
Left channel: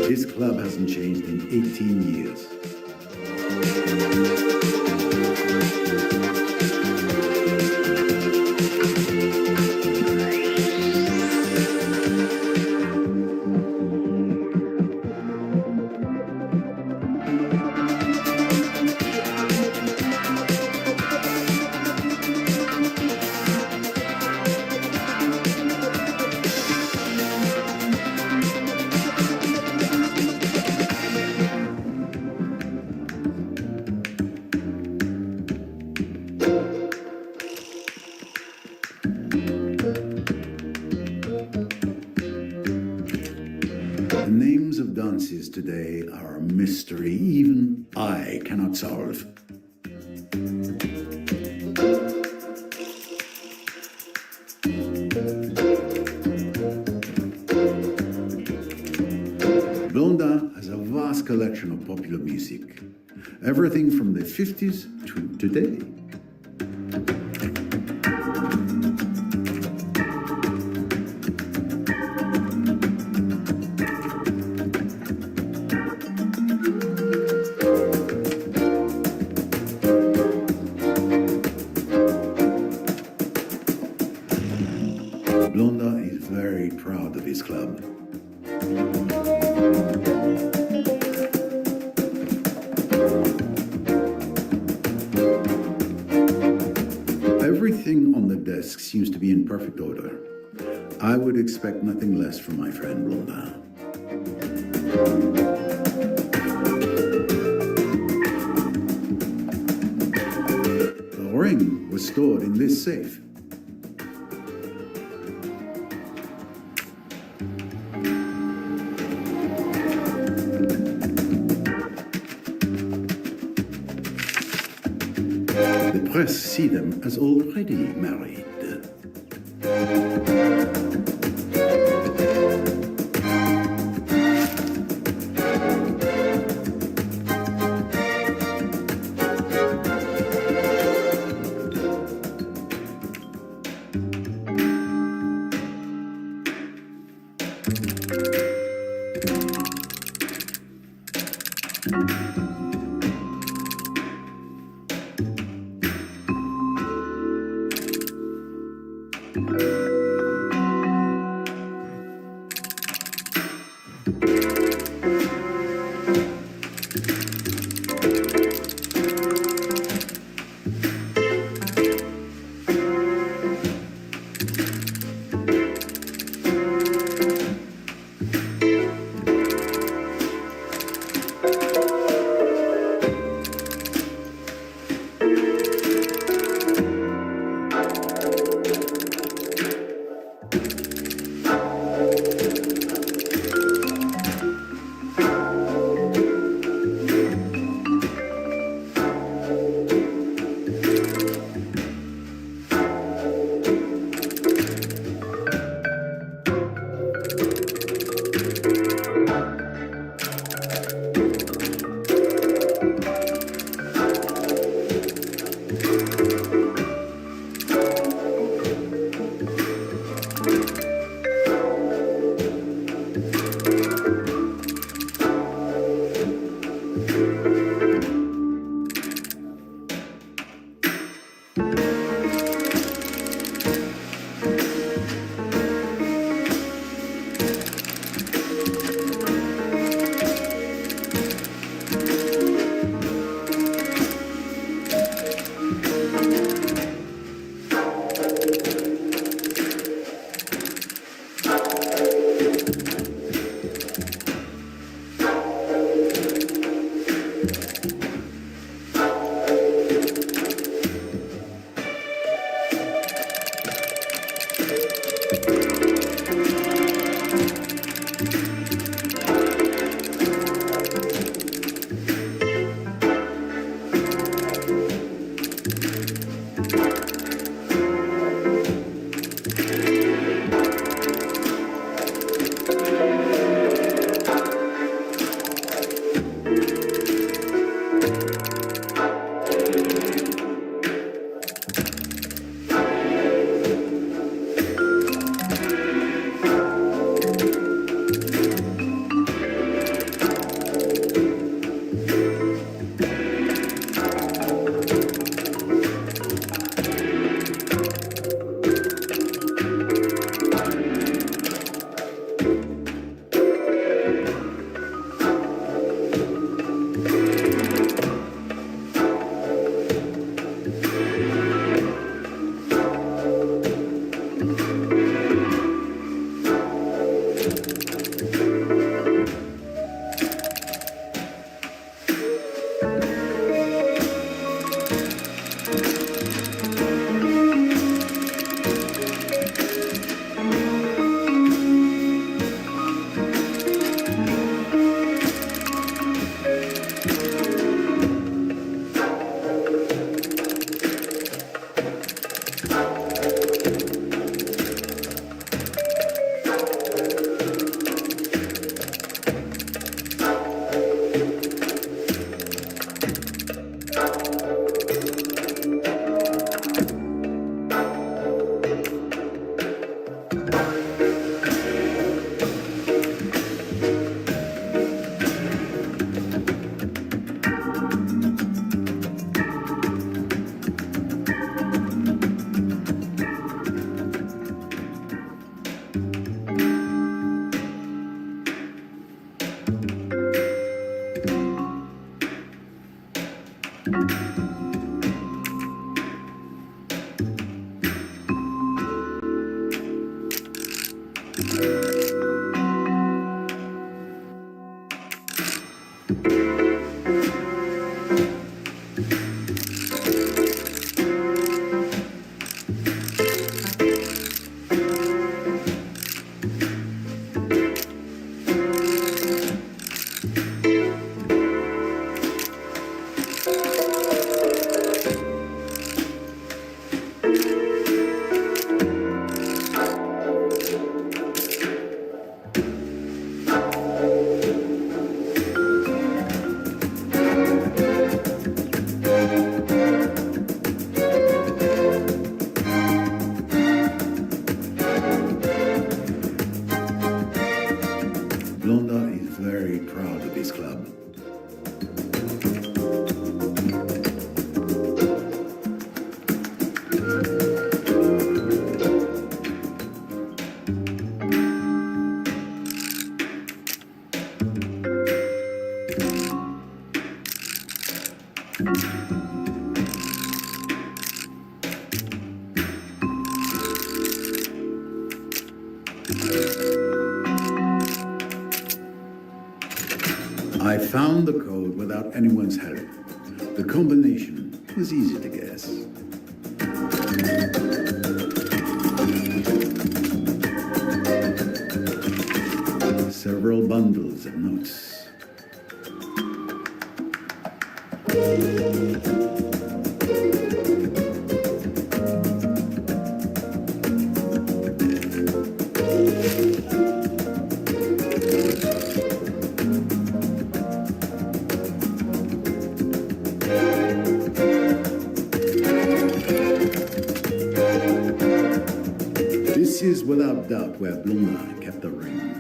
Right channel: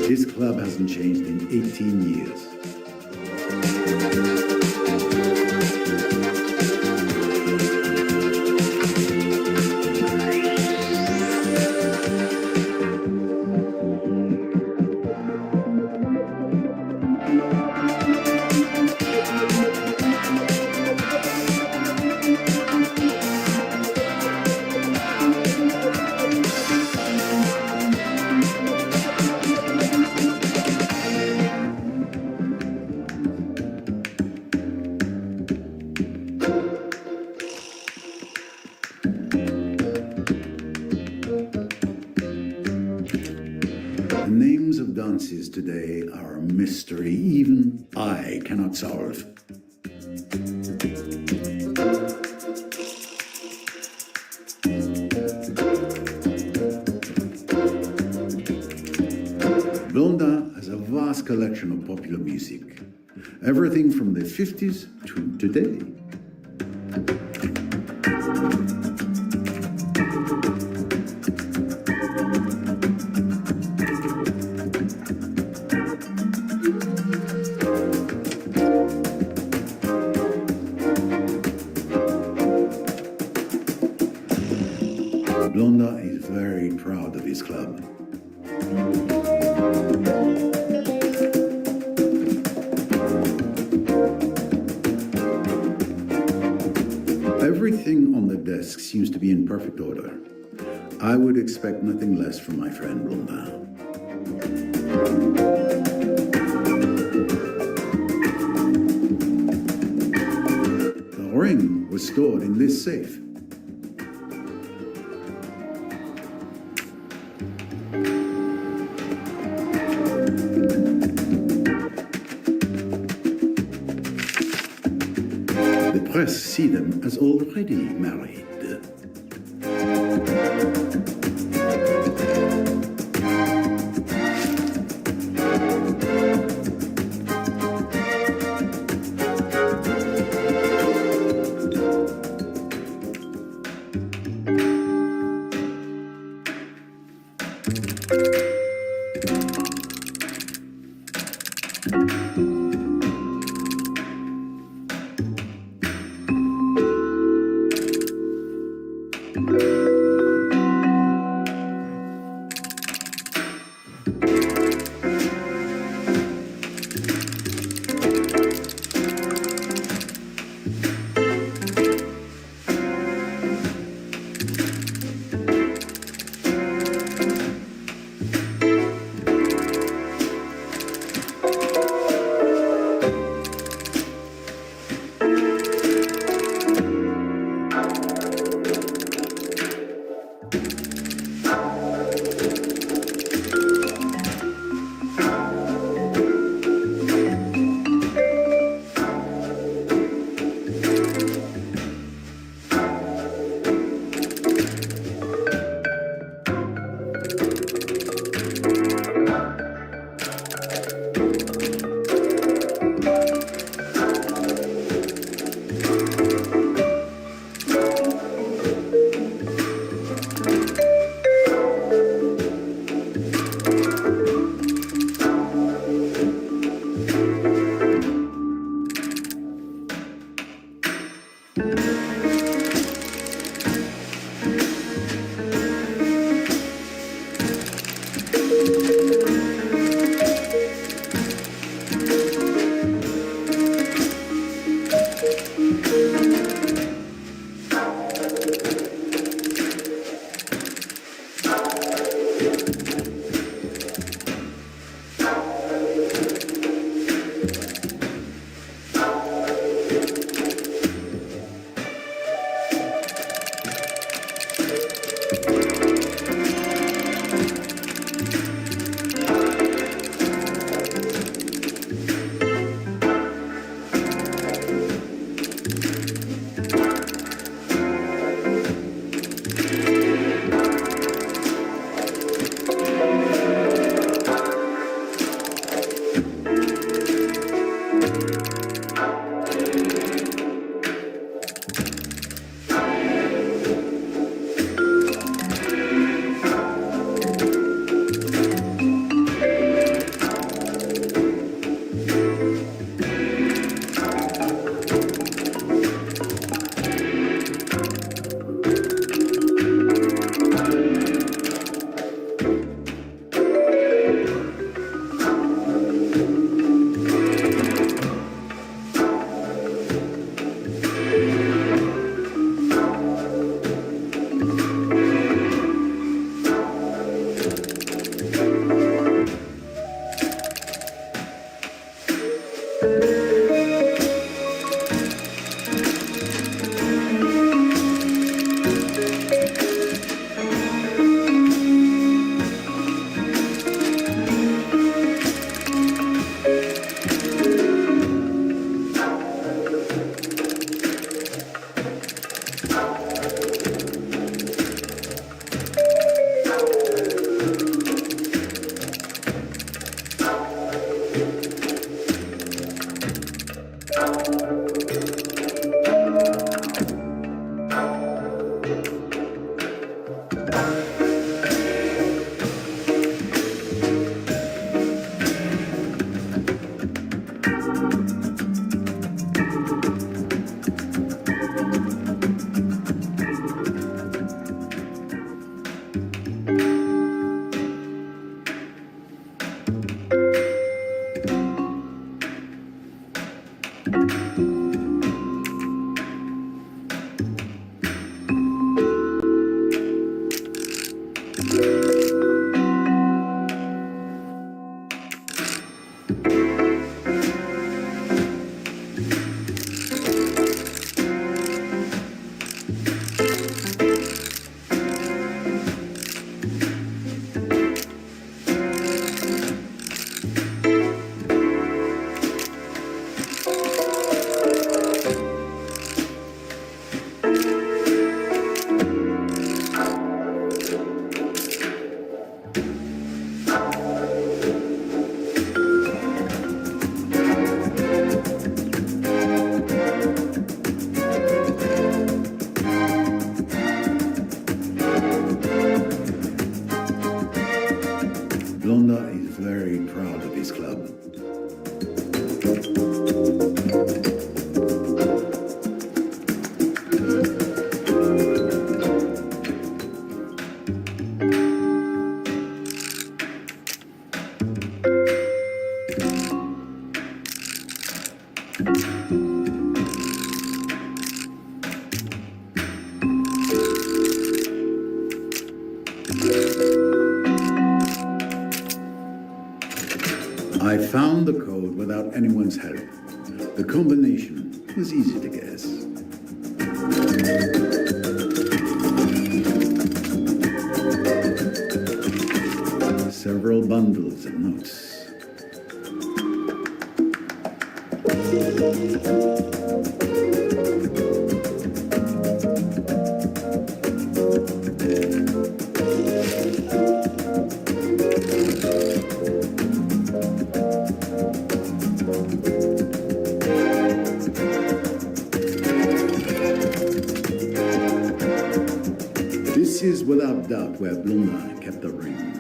This club hasn't changed in 18 years. performances today are a mystery even I cannot solve. Blondin has a vast collection of popular music, everything from the 50s to today. Blondin is very proud of his club. Everything on the desk seems to be in perfect order. I would expect nothing less from my friend Blondin. The ring was stored in this safe. The press see them as already married. Blonda is very proud of his club. I found the code without anyone's help. The combination was easy to guess. Several bundles of notes. This is without doubt where Blonda kept the ring.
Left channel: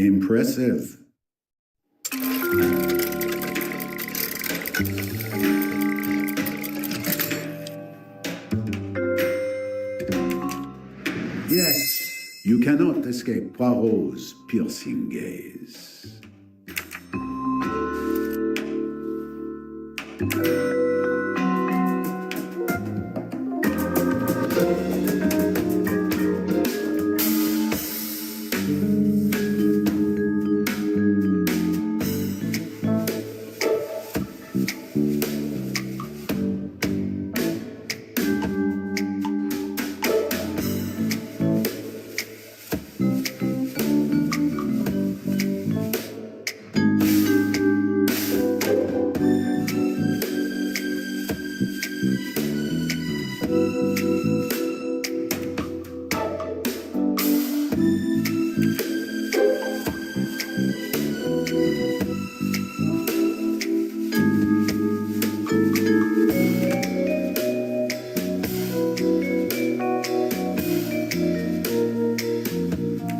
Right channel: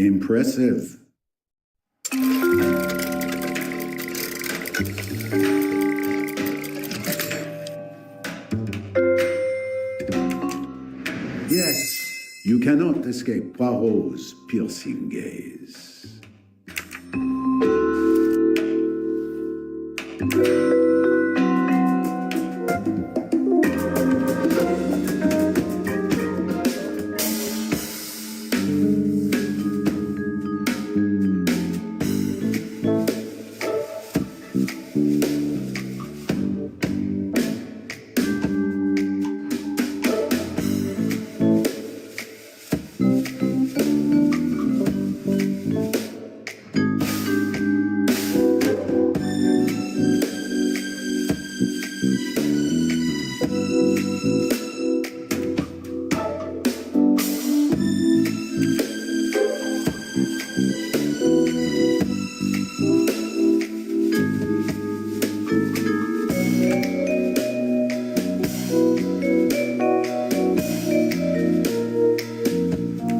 Impressive. Yes, you cannot escape Poirot's piercing gaze.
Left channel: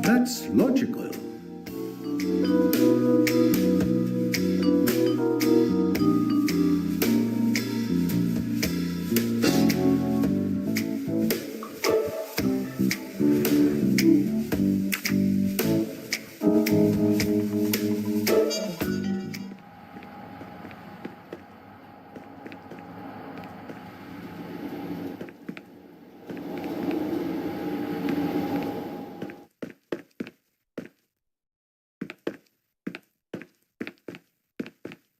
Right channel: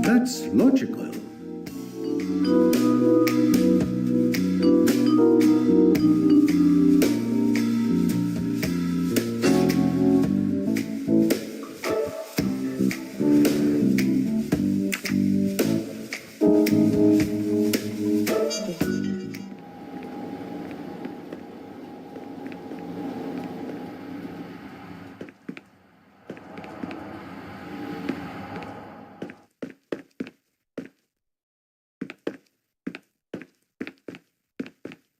That's logical.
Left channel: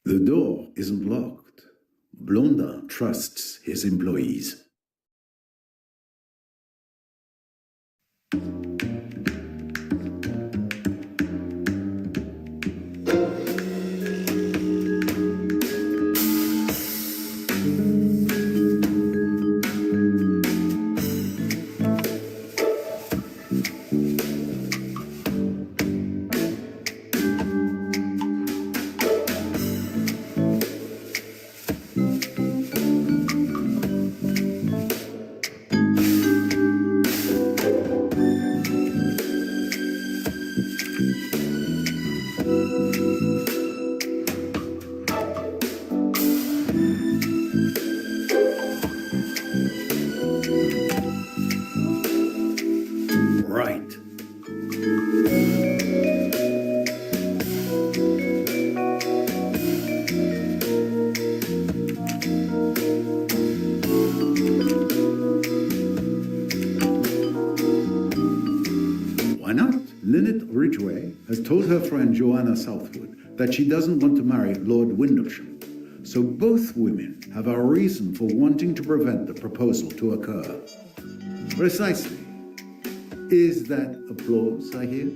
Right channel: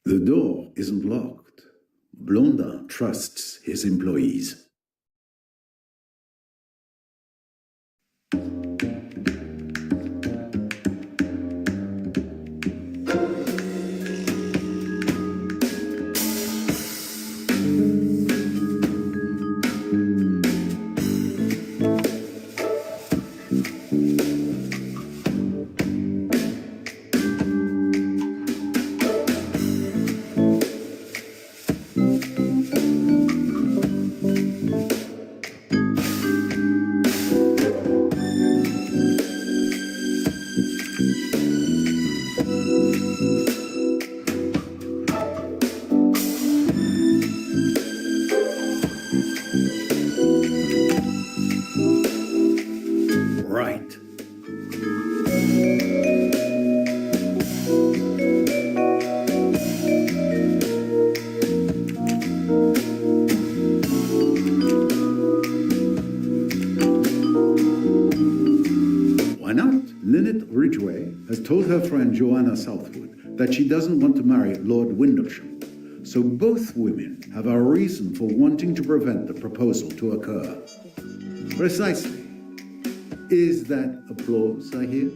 The door isn't locked. Blondin trusts his employees. Right. Why not? Lynette Ridgway has told her friend Joanna Southwood that she doesn't want to marry Lord Windlesham. So both women have a reason for wanting to prevent the proposal to occur. Precisely. Is that applause I hear?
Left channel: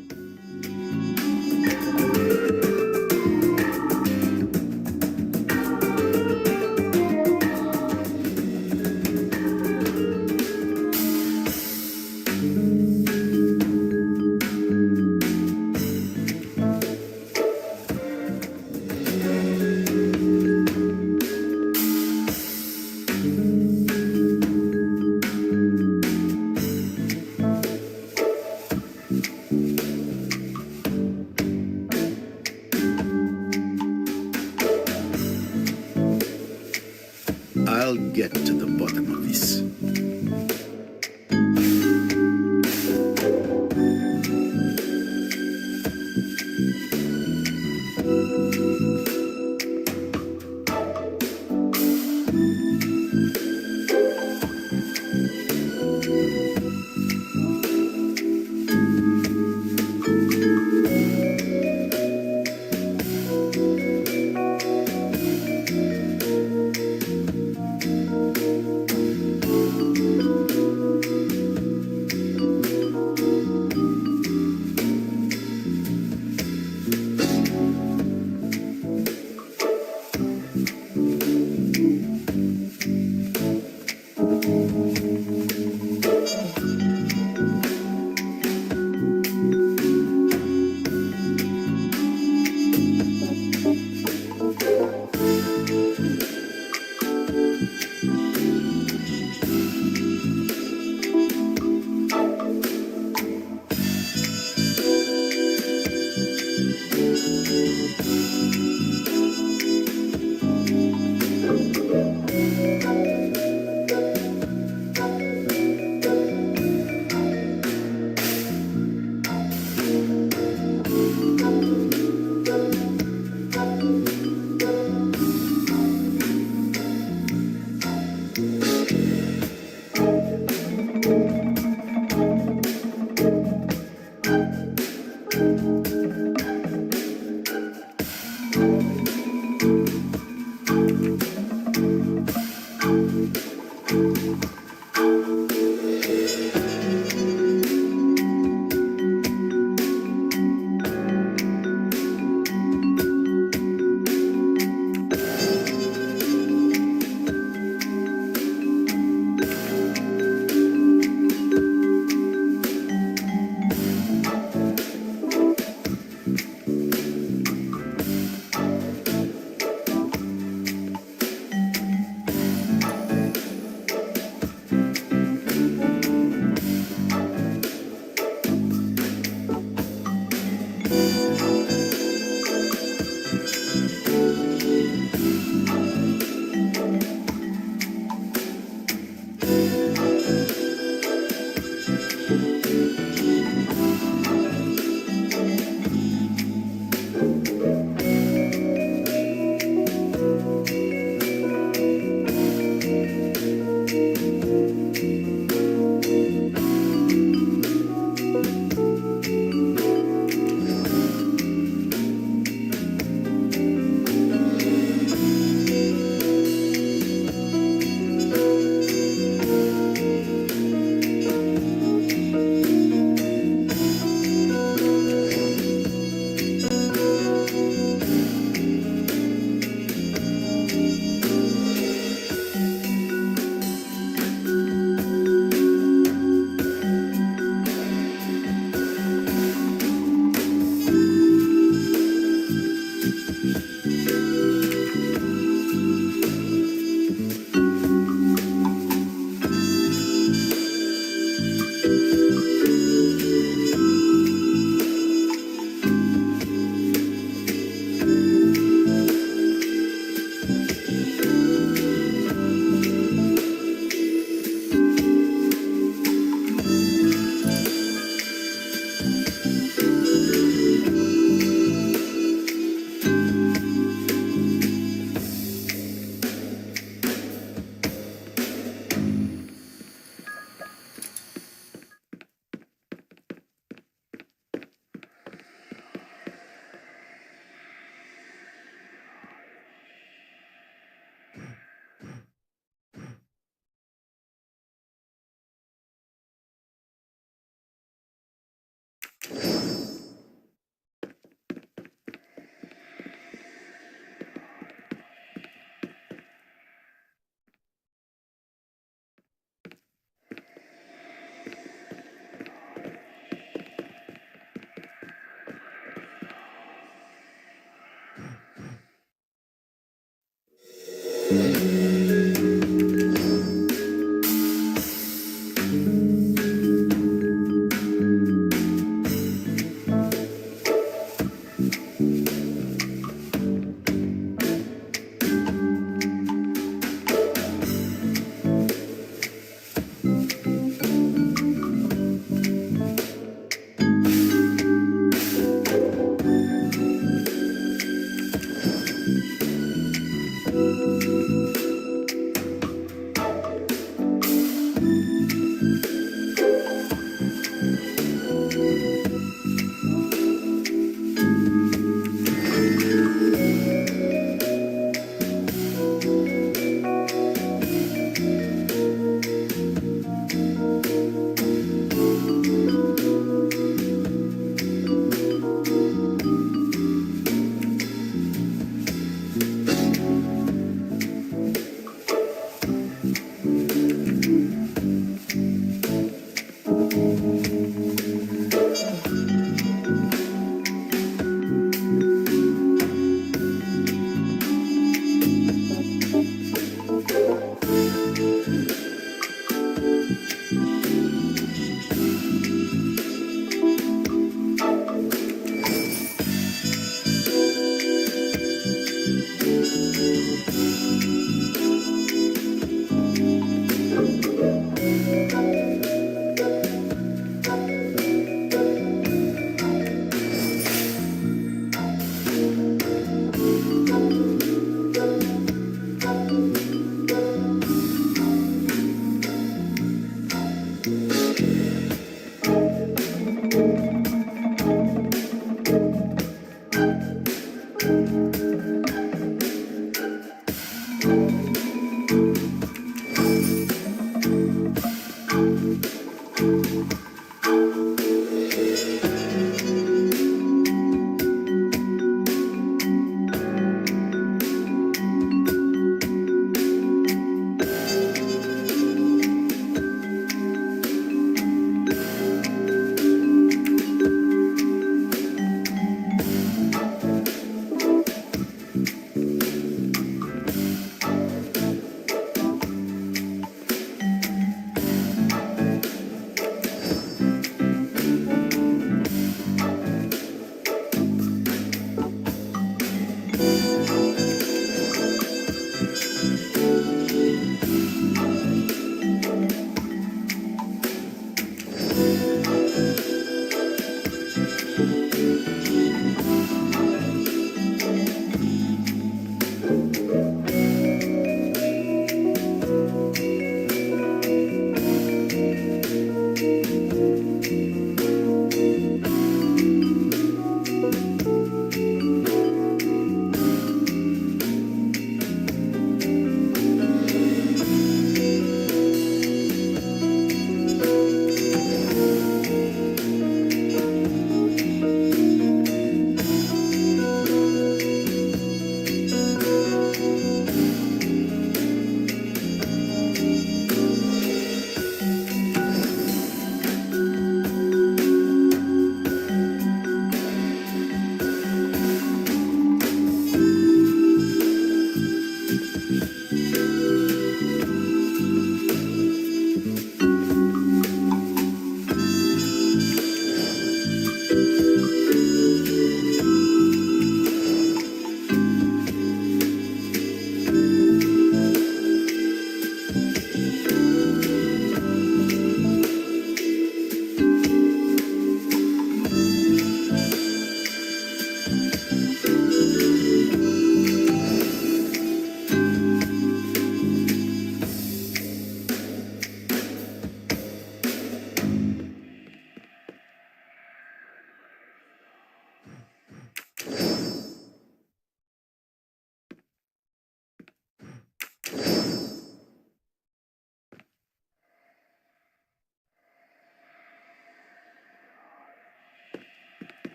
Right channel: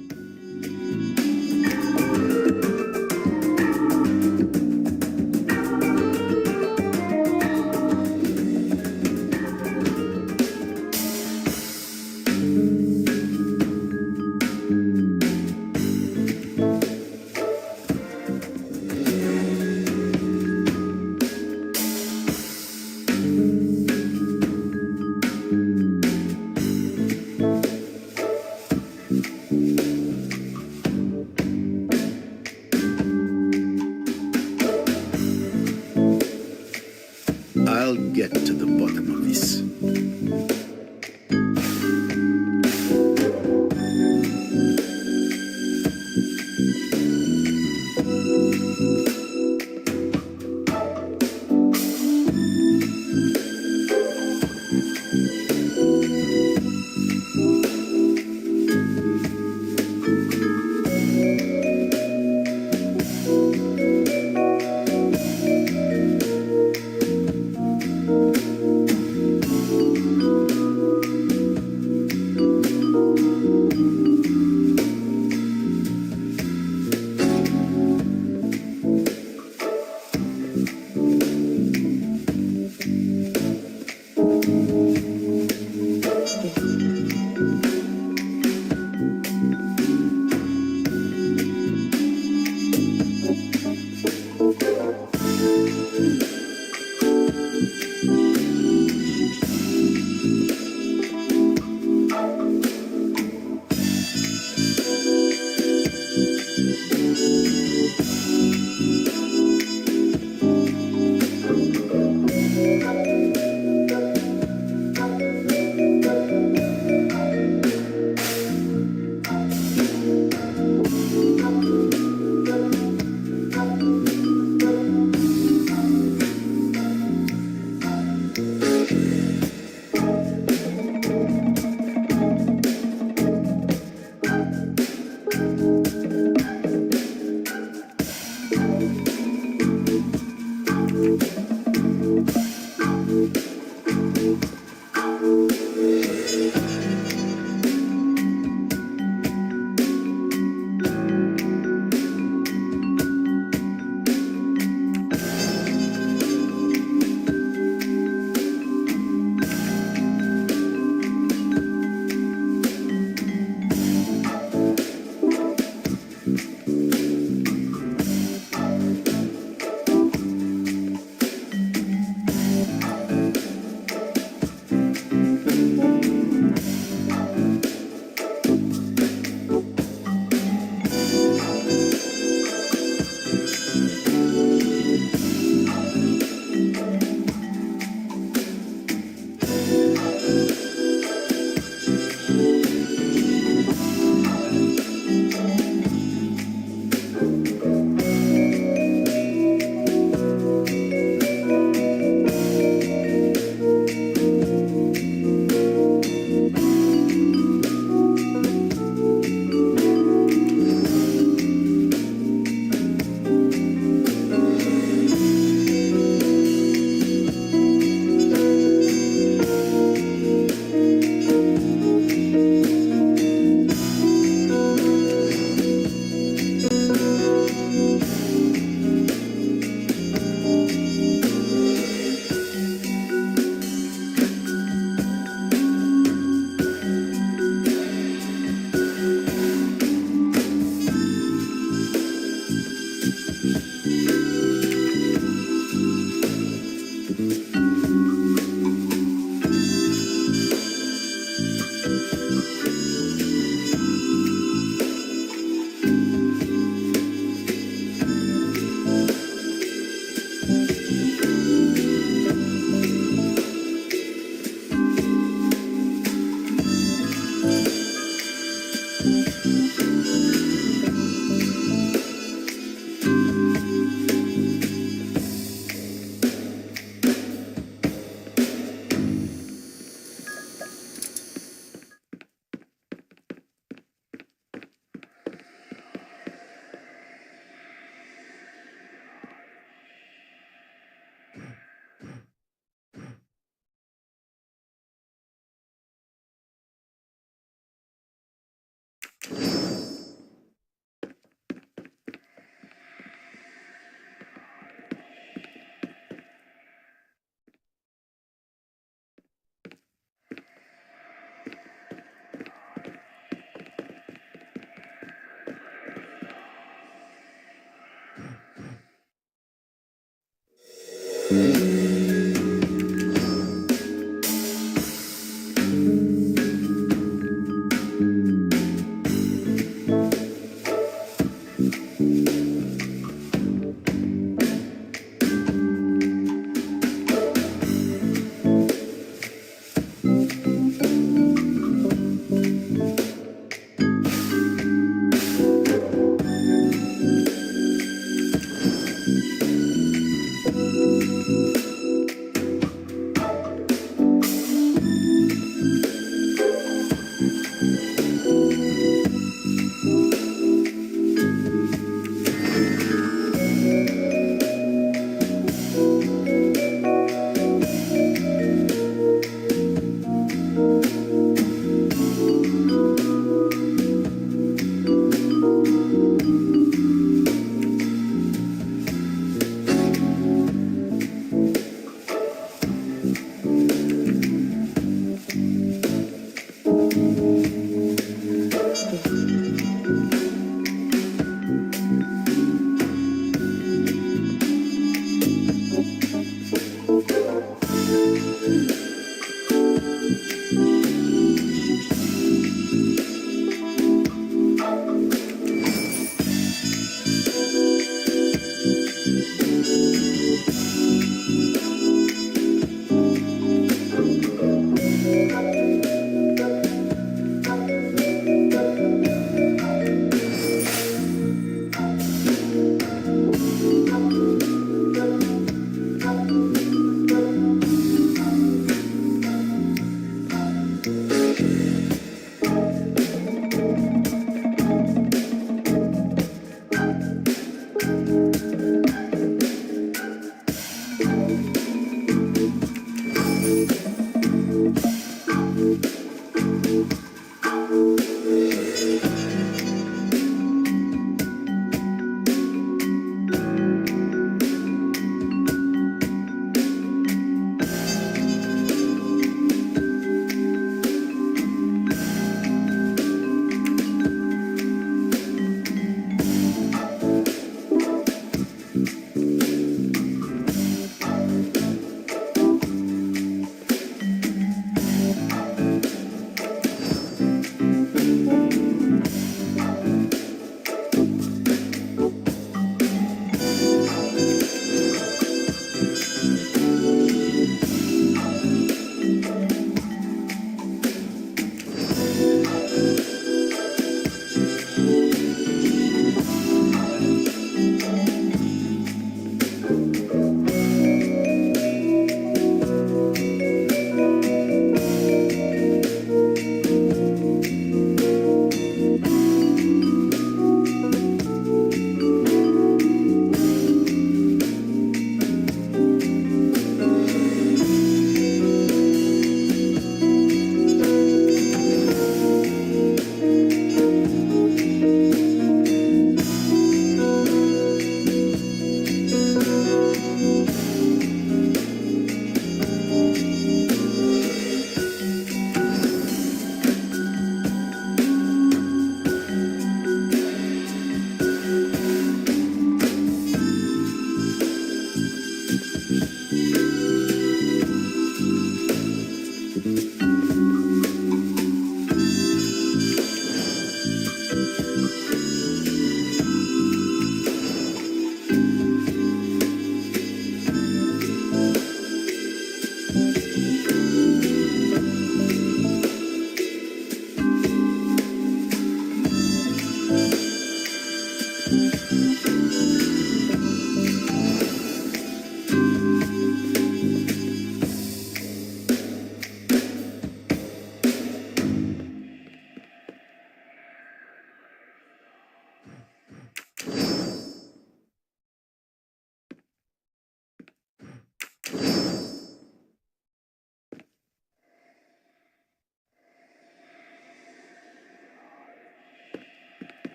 I'll get to the bottom of this.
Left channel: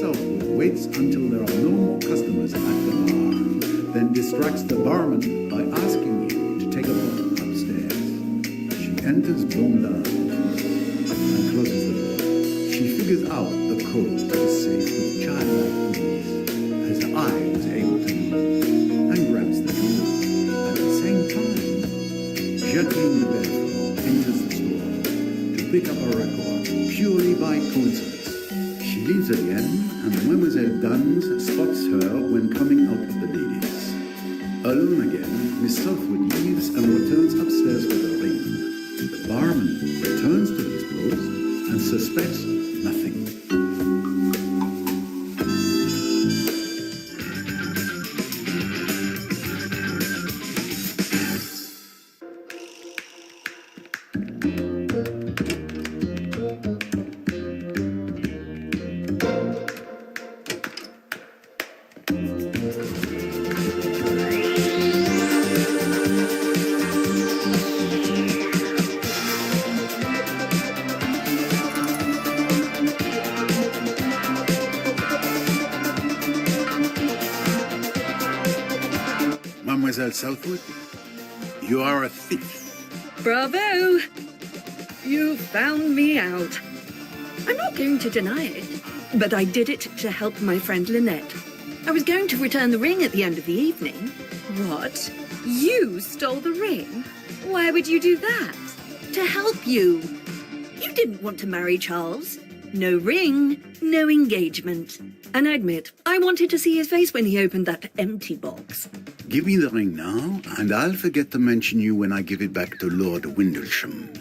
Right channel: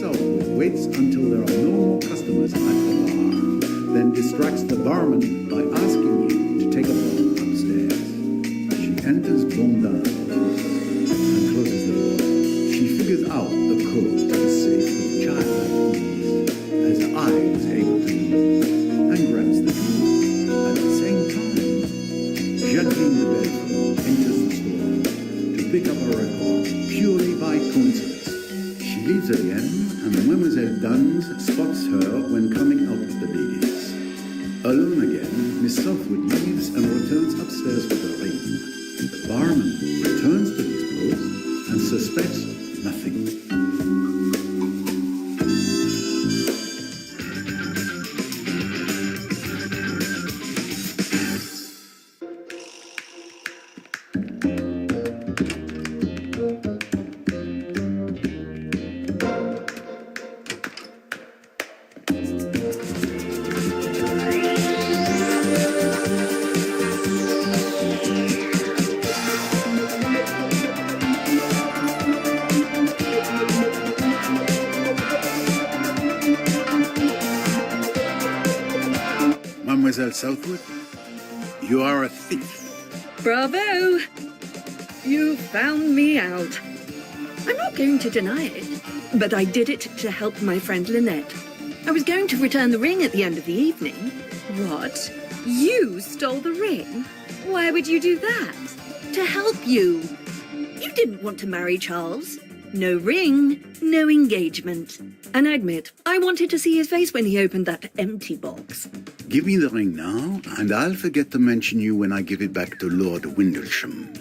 Southwood waits until there are no more customers at the bar, then distracts the barman by asking you to take a bottle upstairs. She enters Blondin's office and closes the door. She figures out the code to the safe with childlike ease, as I was able to do, and grabs the jewel. At the same time, Jacqueline de Belfort enters the store to pick up a record purely by coincidence. She leaves again, and Mademoiselle Duns spots her when coming out of the ladies. Alone again, Miss Southwood leaves and returns upstairs with a ring. The barman returns to his post and suspects nothing. Mademoiselle Southwood, you are a thief. Bravo! You found me out. I'm not going to deny it, but I did it to help my friend Lynette. I was going to return the ring at the end of the evening. What? You stole the ring? Why would you do that? To help you. You didn't want to marry Charles. No ring, no engagement. And I admit, I wanted to see his face when he opened that empty box. Give me the ring now, and I'll forget to mention you when I give it back to Lord Windlesham.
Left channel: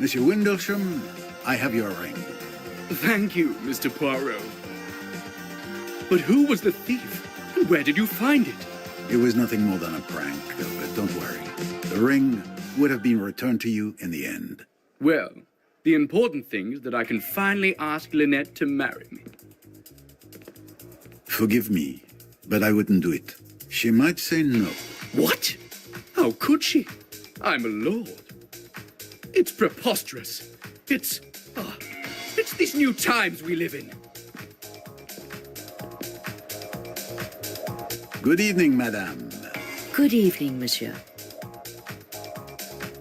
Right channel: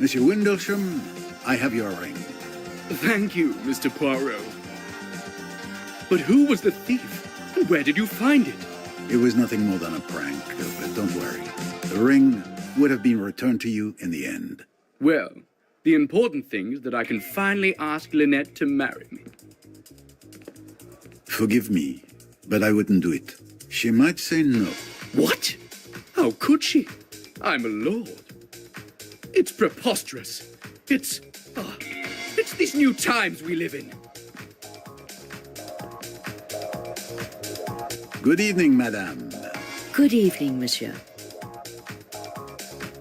Monsieur Windlesham, I have your ring. Thank you, Mr. Poirot. But who was the thief? And where did you find it? It was nothing more than a prank, but don't worry. The ring would have been returned to you in the end. Well, the important thing is that I can finally ask Lynette to marry me. Forgive me, but I wouldn't do it. She might say no. What? How could she? I'm a lord. It's preposterous. It's these new times we live in. Good evening, madame. Good evening, monsieur.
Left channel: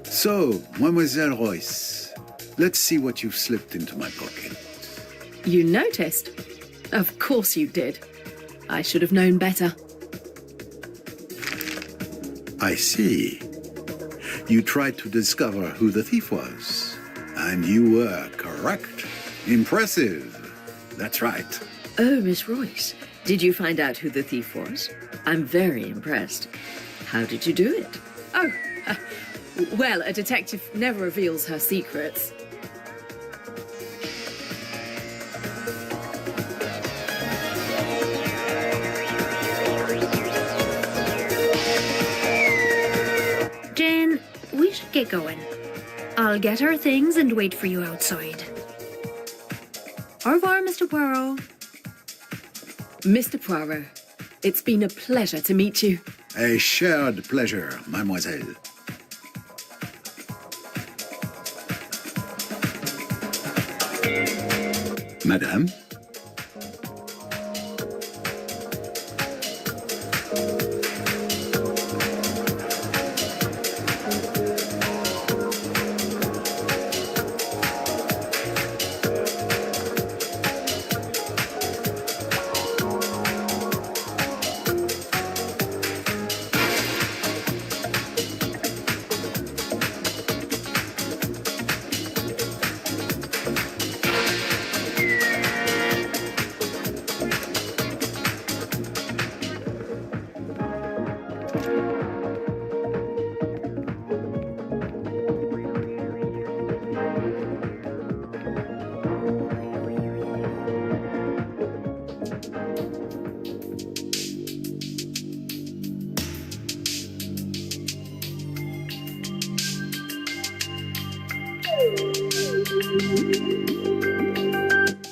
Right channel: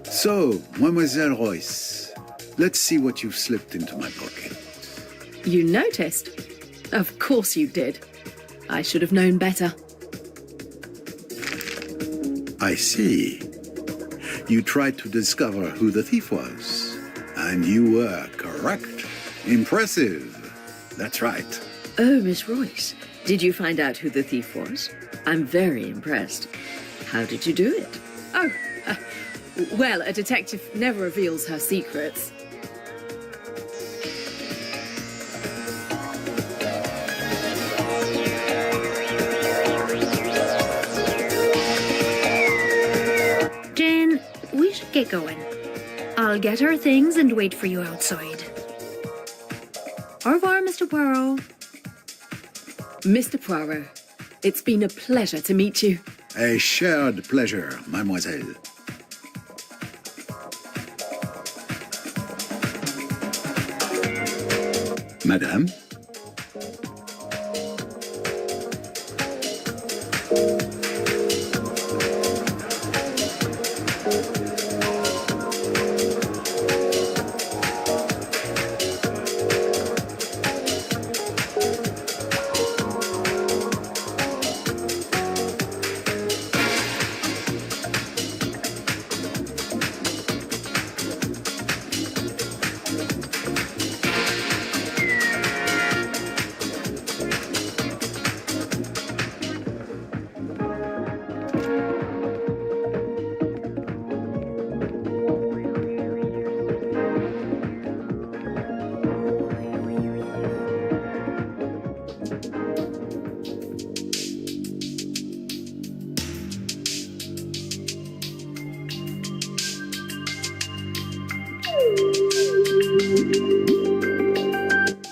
So, Mademoiselle Royce, let's see what you've slipped into my pocket. You noticed? Of course you did. I should have known better. I see. You tried to discover who the thief was, and you were correct. Impressive. That's right. Oh, Miss Royce, did you find out who the thief was? I'm very impressed. How did you do it? Oh, well, a detective never reveals her secrets. Jane, we should get going. I'll get our things and wait for you outside. Au revoir, Mr. Poirot. Mr. Poirot, it's been a pleasure to meet you. A shared pleasure, mademoiselle. Madame?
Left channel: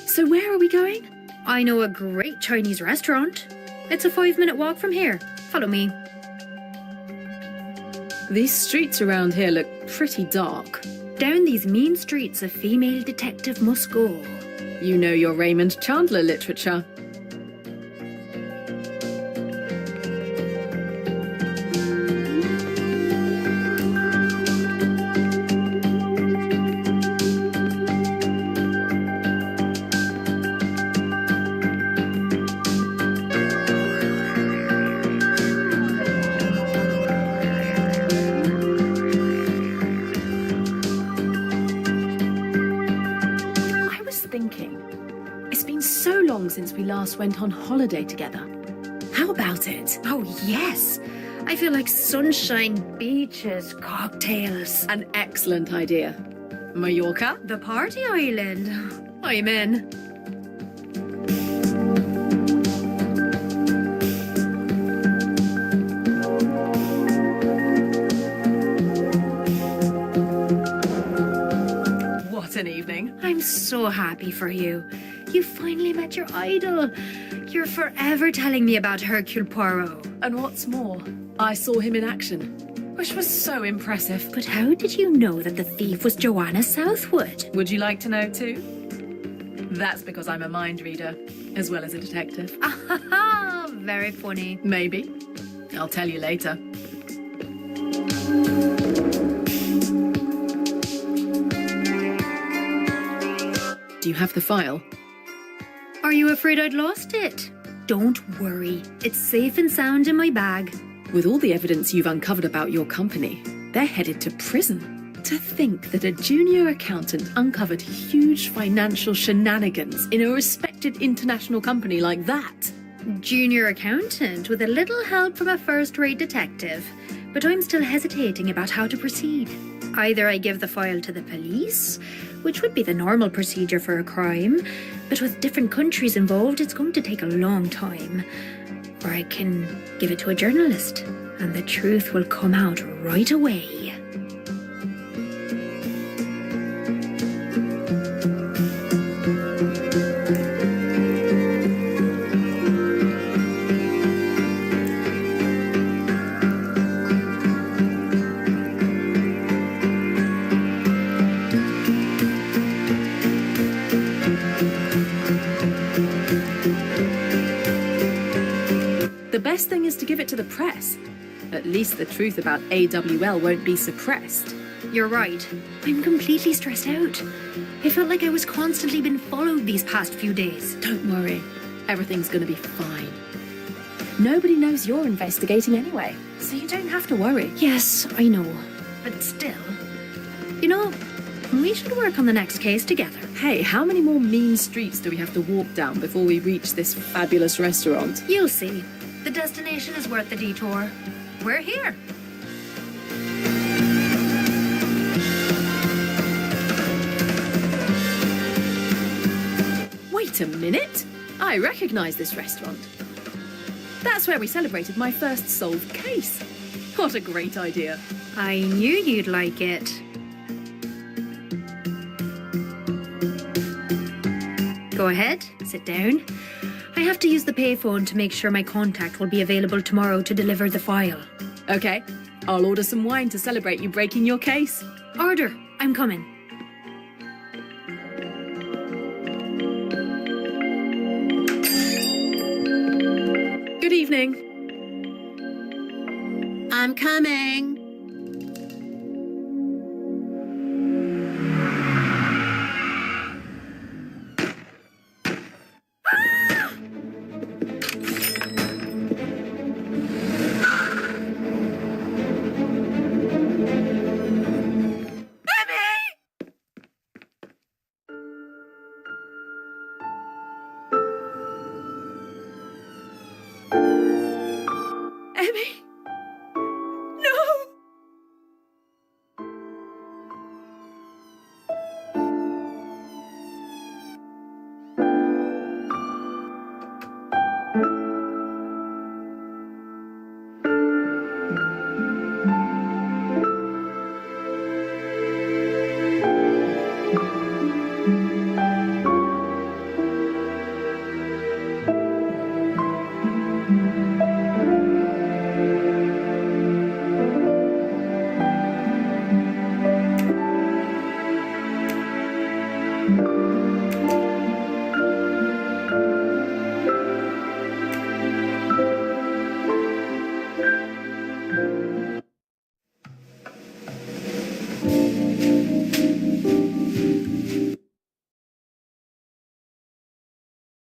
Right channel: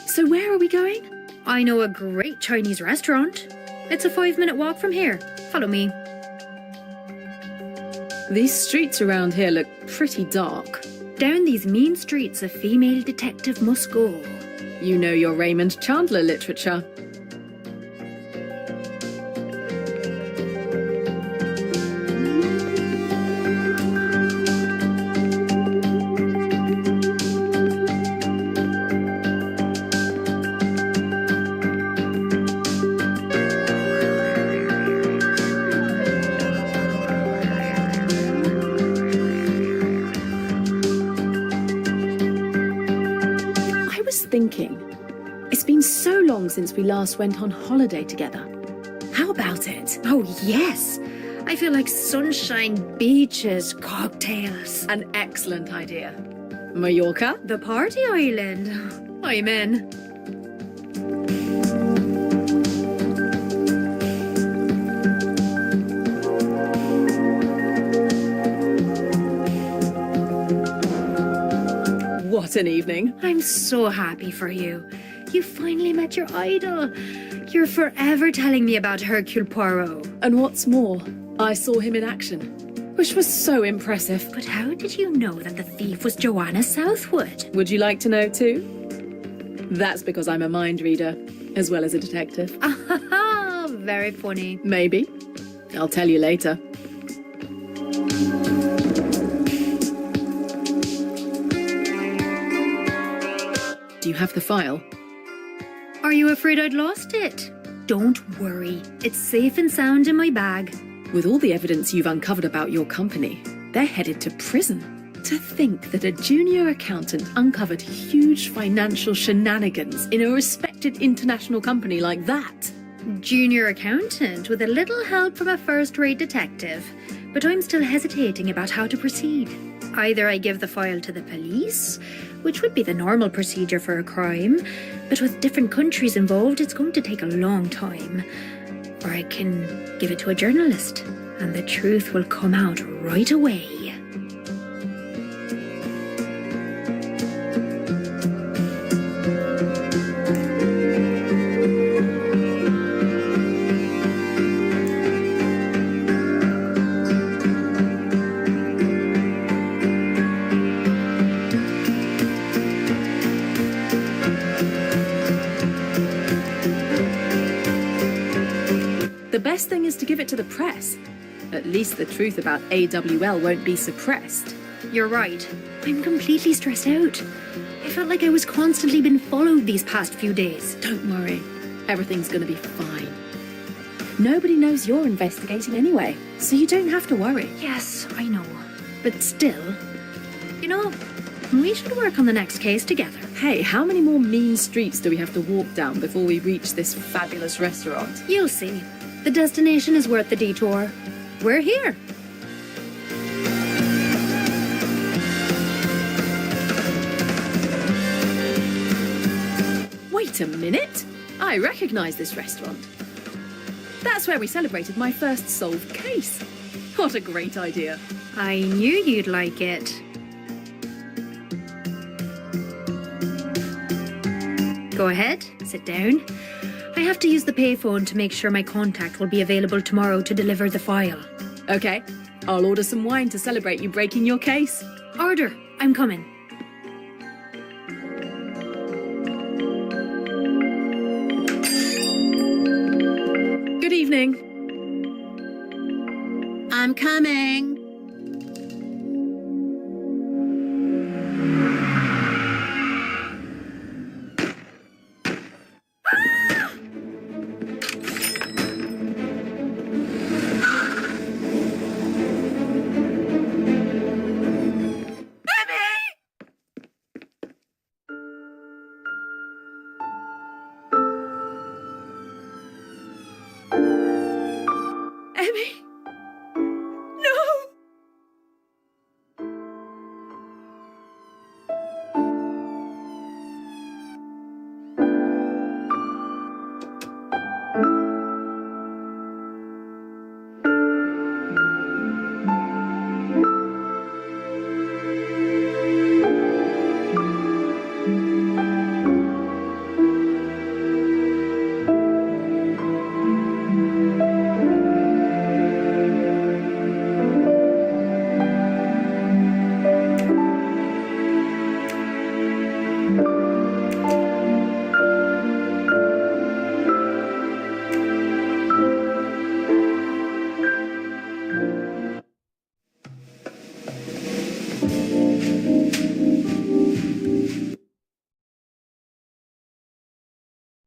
So where are we going? I know a great Chinese restaurant. It's a 5-minute walk from here. Follow me. These streets around here look pretty dark. Down these mean streets a female detective must go. You know your Raymond Chandler literature. It's been so long since we last went on holiday together. How about it? Oh, yes. I feel like sunshine, beaches, cocktails. An excellent idea. Mallorca? The party island. I'm in. What an evening. I'm so happy for you. You finally met your idol. You're forever telling me about Hercule Poirot. And what's more, I saw him in action, which was so impressive. But how did you know that the thief was Joanna Southwood? Would you like to know too? That's because I'm a mind reader, as well as a detective. Ah, very funny. Maybe. I'll tell you later. Do you have the file? Are you afraid I'd lost it? Don't worry. It's safe and sound in my bag. With all the evidence you've uncovered about your company, they're headed to prison. To think that a junior accountant uncovered huge financial shenanigans in a respected international company like that. Junior accountant with a little help from a first-rate detective. But I'm still hesitating about how to proceed. Either I give the file to the police, which would be the normal procedure for a crime, but with different countries involved, it's going to take a long time. Or I can give it to a journalist, and the truth will come out right away. The best thing is to give it to the press. At least the truth about AWL won't be suppressed. You're right. I'm completely stressed out. I felt like I was constantly being followed these past few days. Don't worry. Everything's going to be fine. Nobody knows you're investigating anyway, so you don't have to worry. Yes, I know. But still, you know, we should work on the next case together. Hey, how many more mean streets do we have to walk down before we reach this fabulous restaurant? You'll see. The destination is worth the detour. We're here. Wait a minute. I recognize this restaurant. That's where we celebrated my first solved case. What a great idea. I knew you'd like it. Go ahead, sit down. I have to use the payphone to make sure my contact will be available tomorrow to deliver the file. Okay, I'll order some wine to celebrate you breaking your case. Order, I'm coming. evening. I'm coming.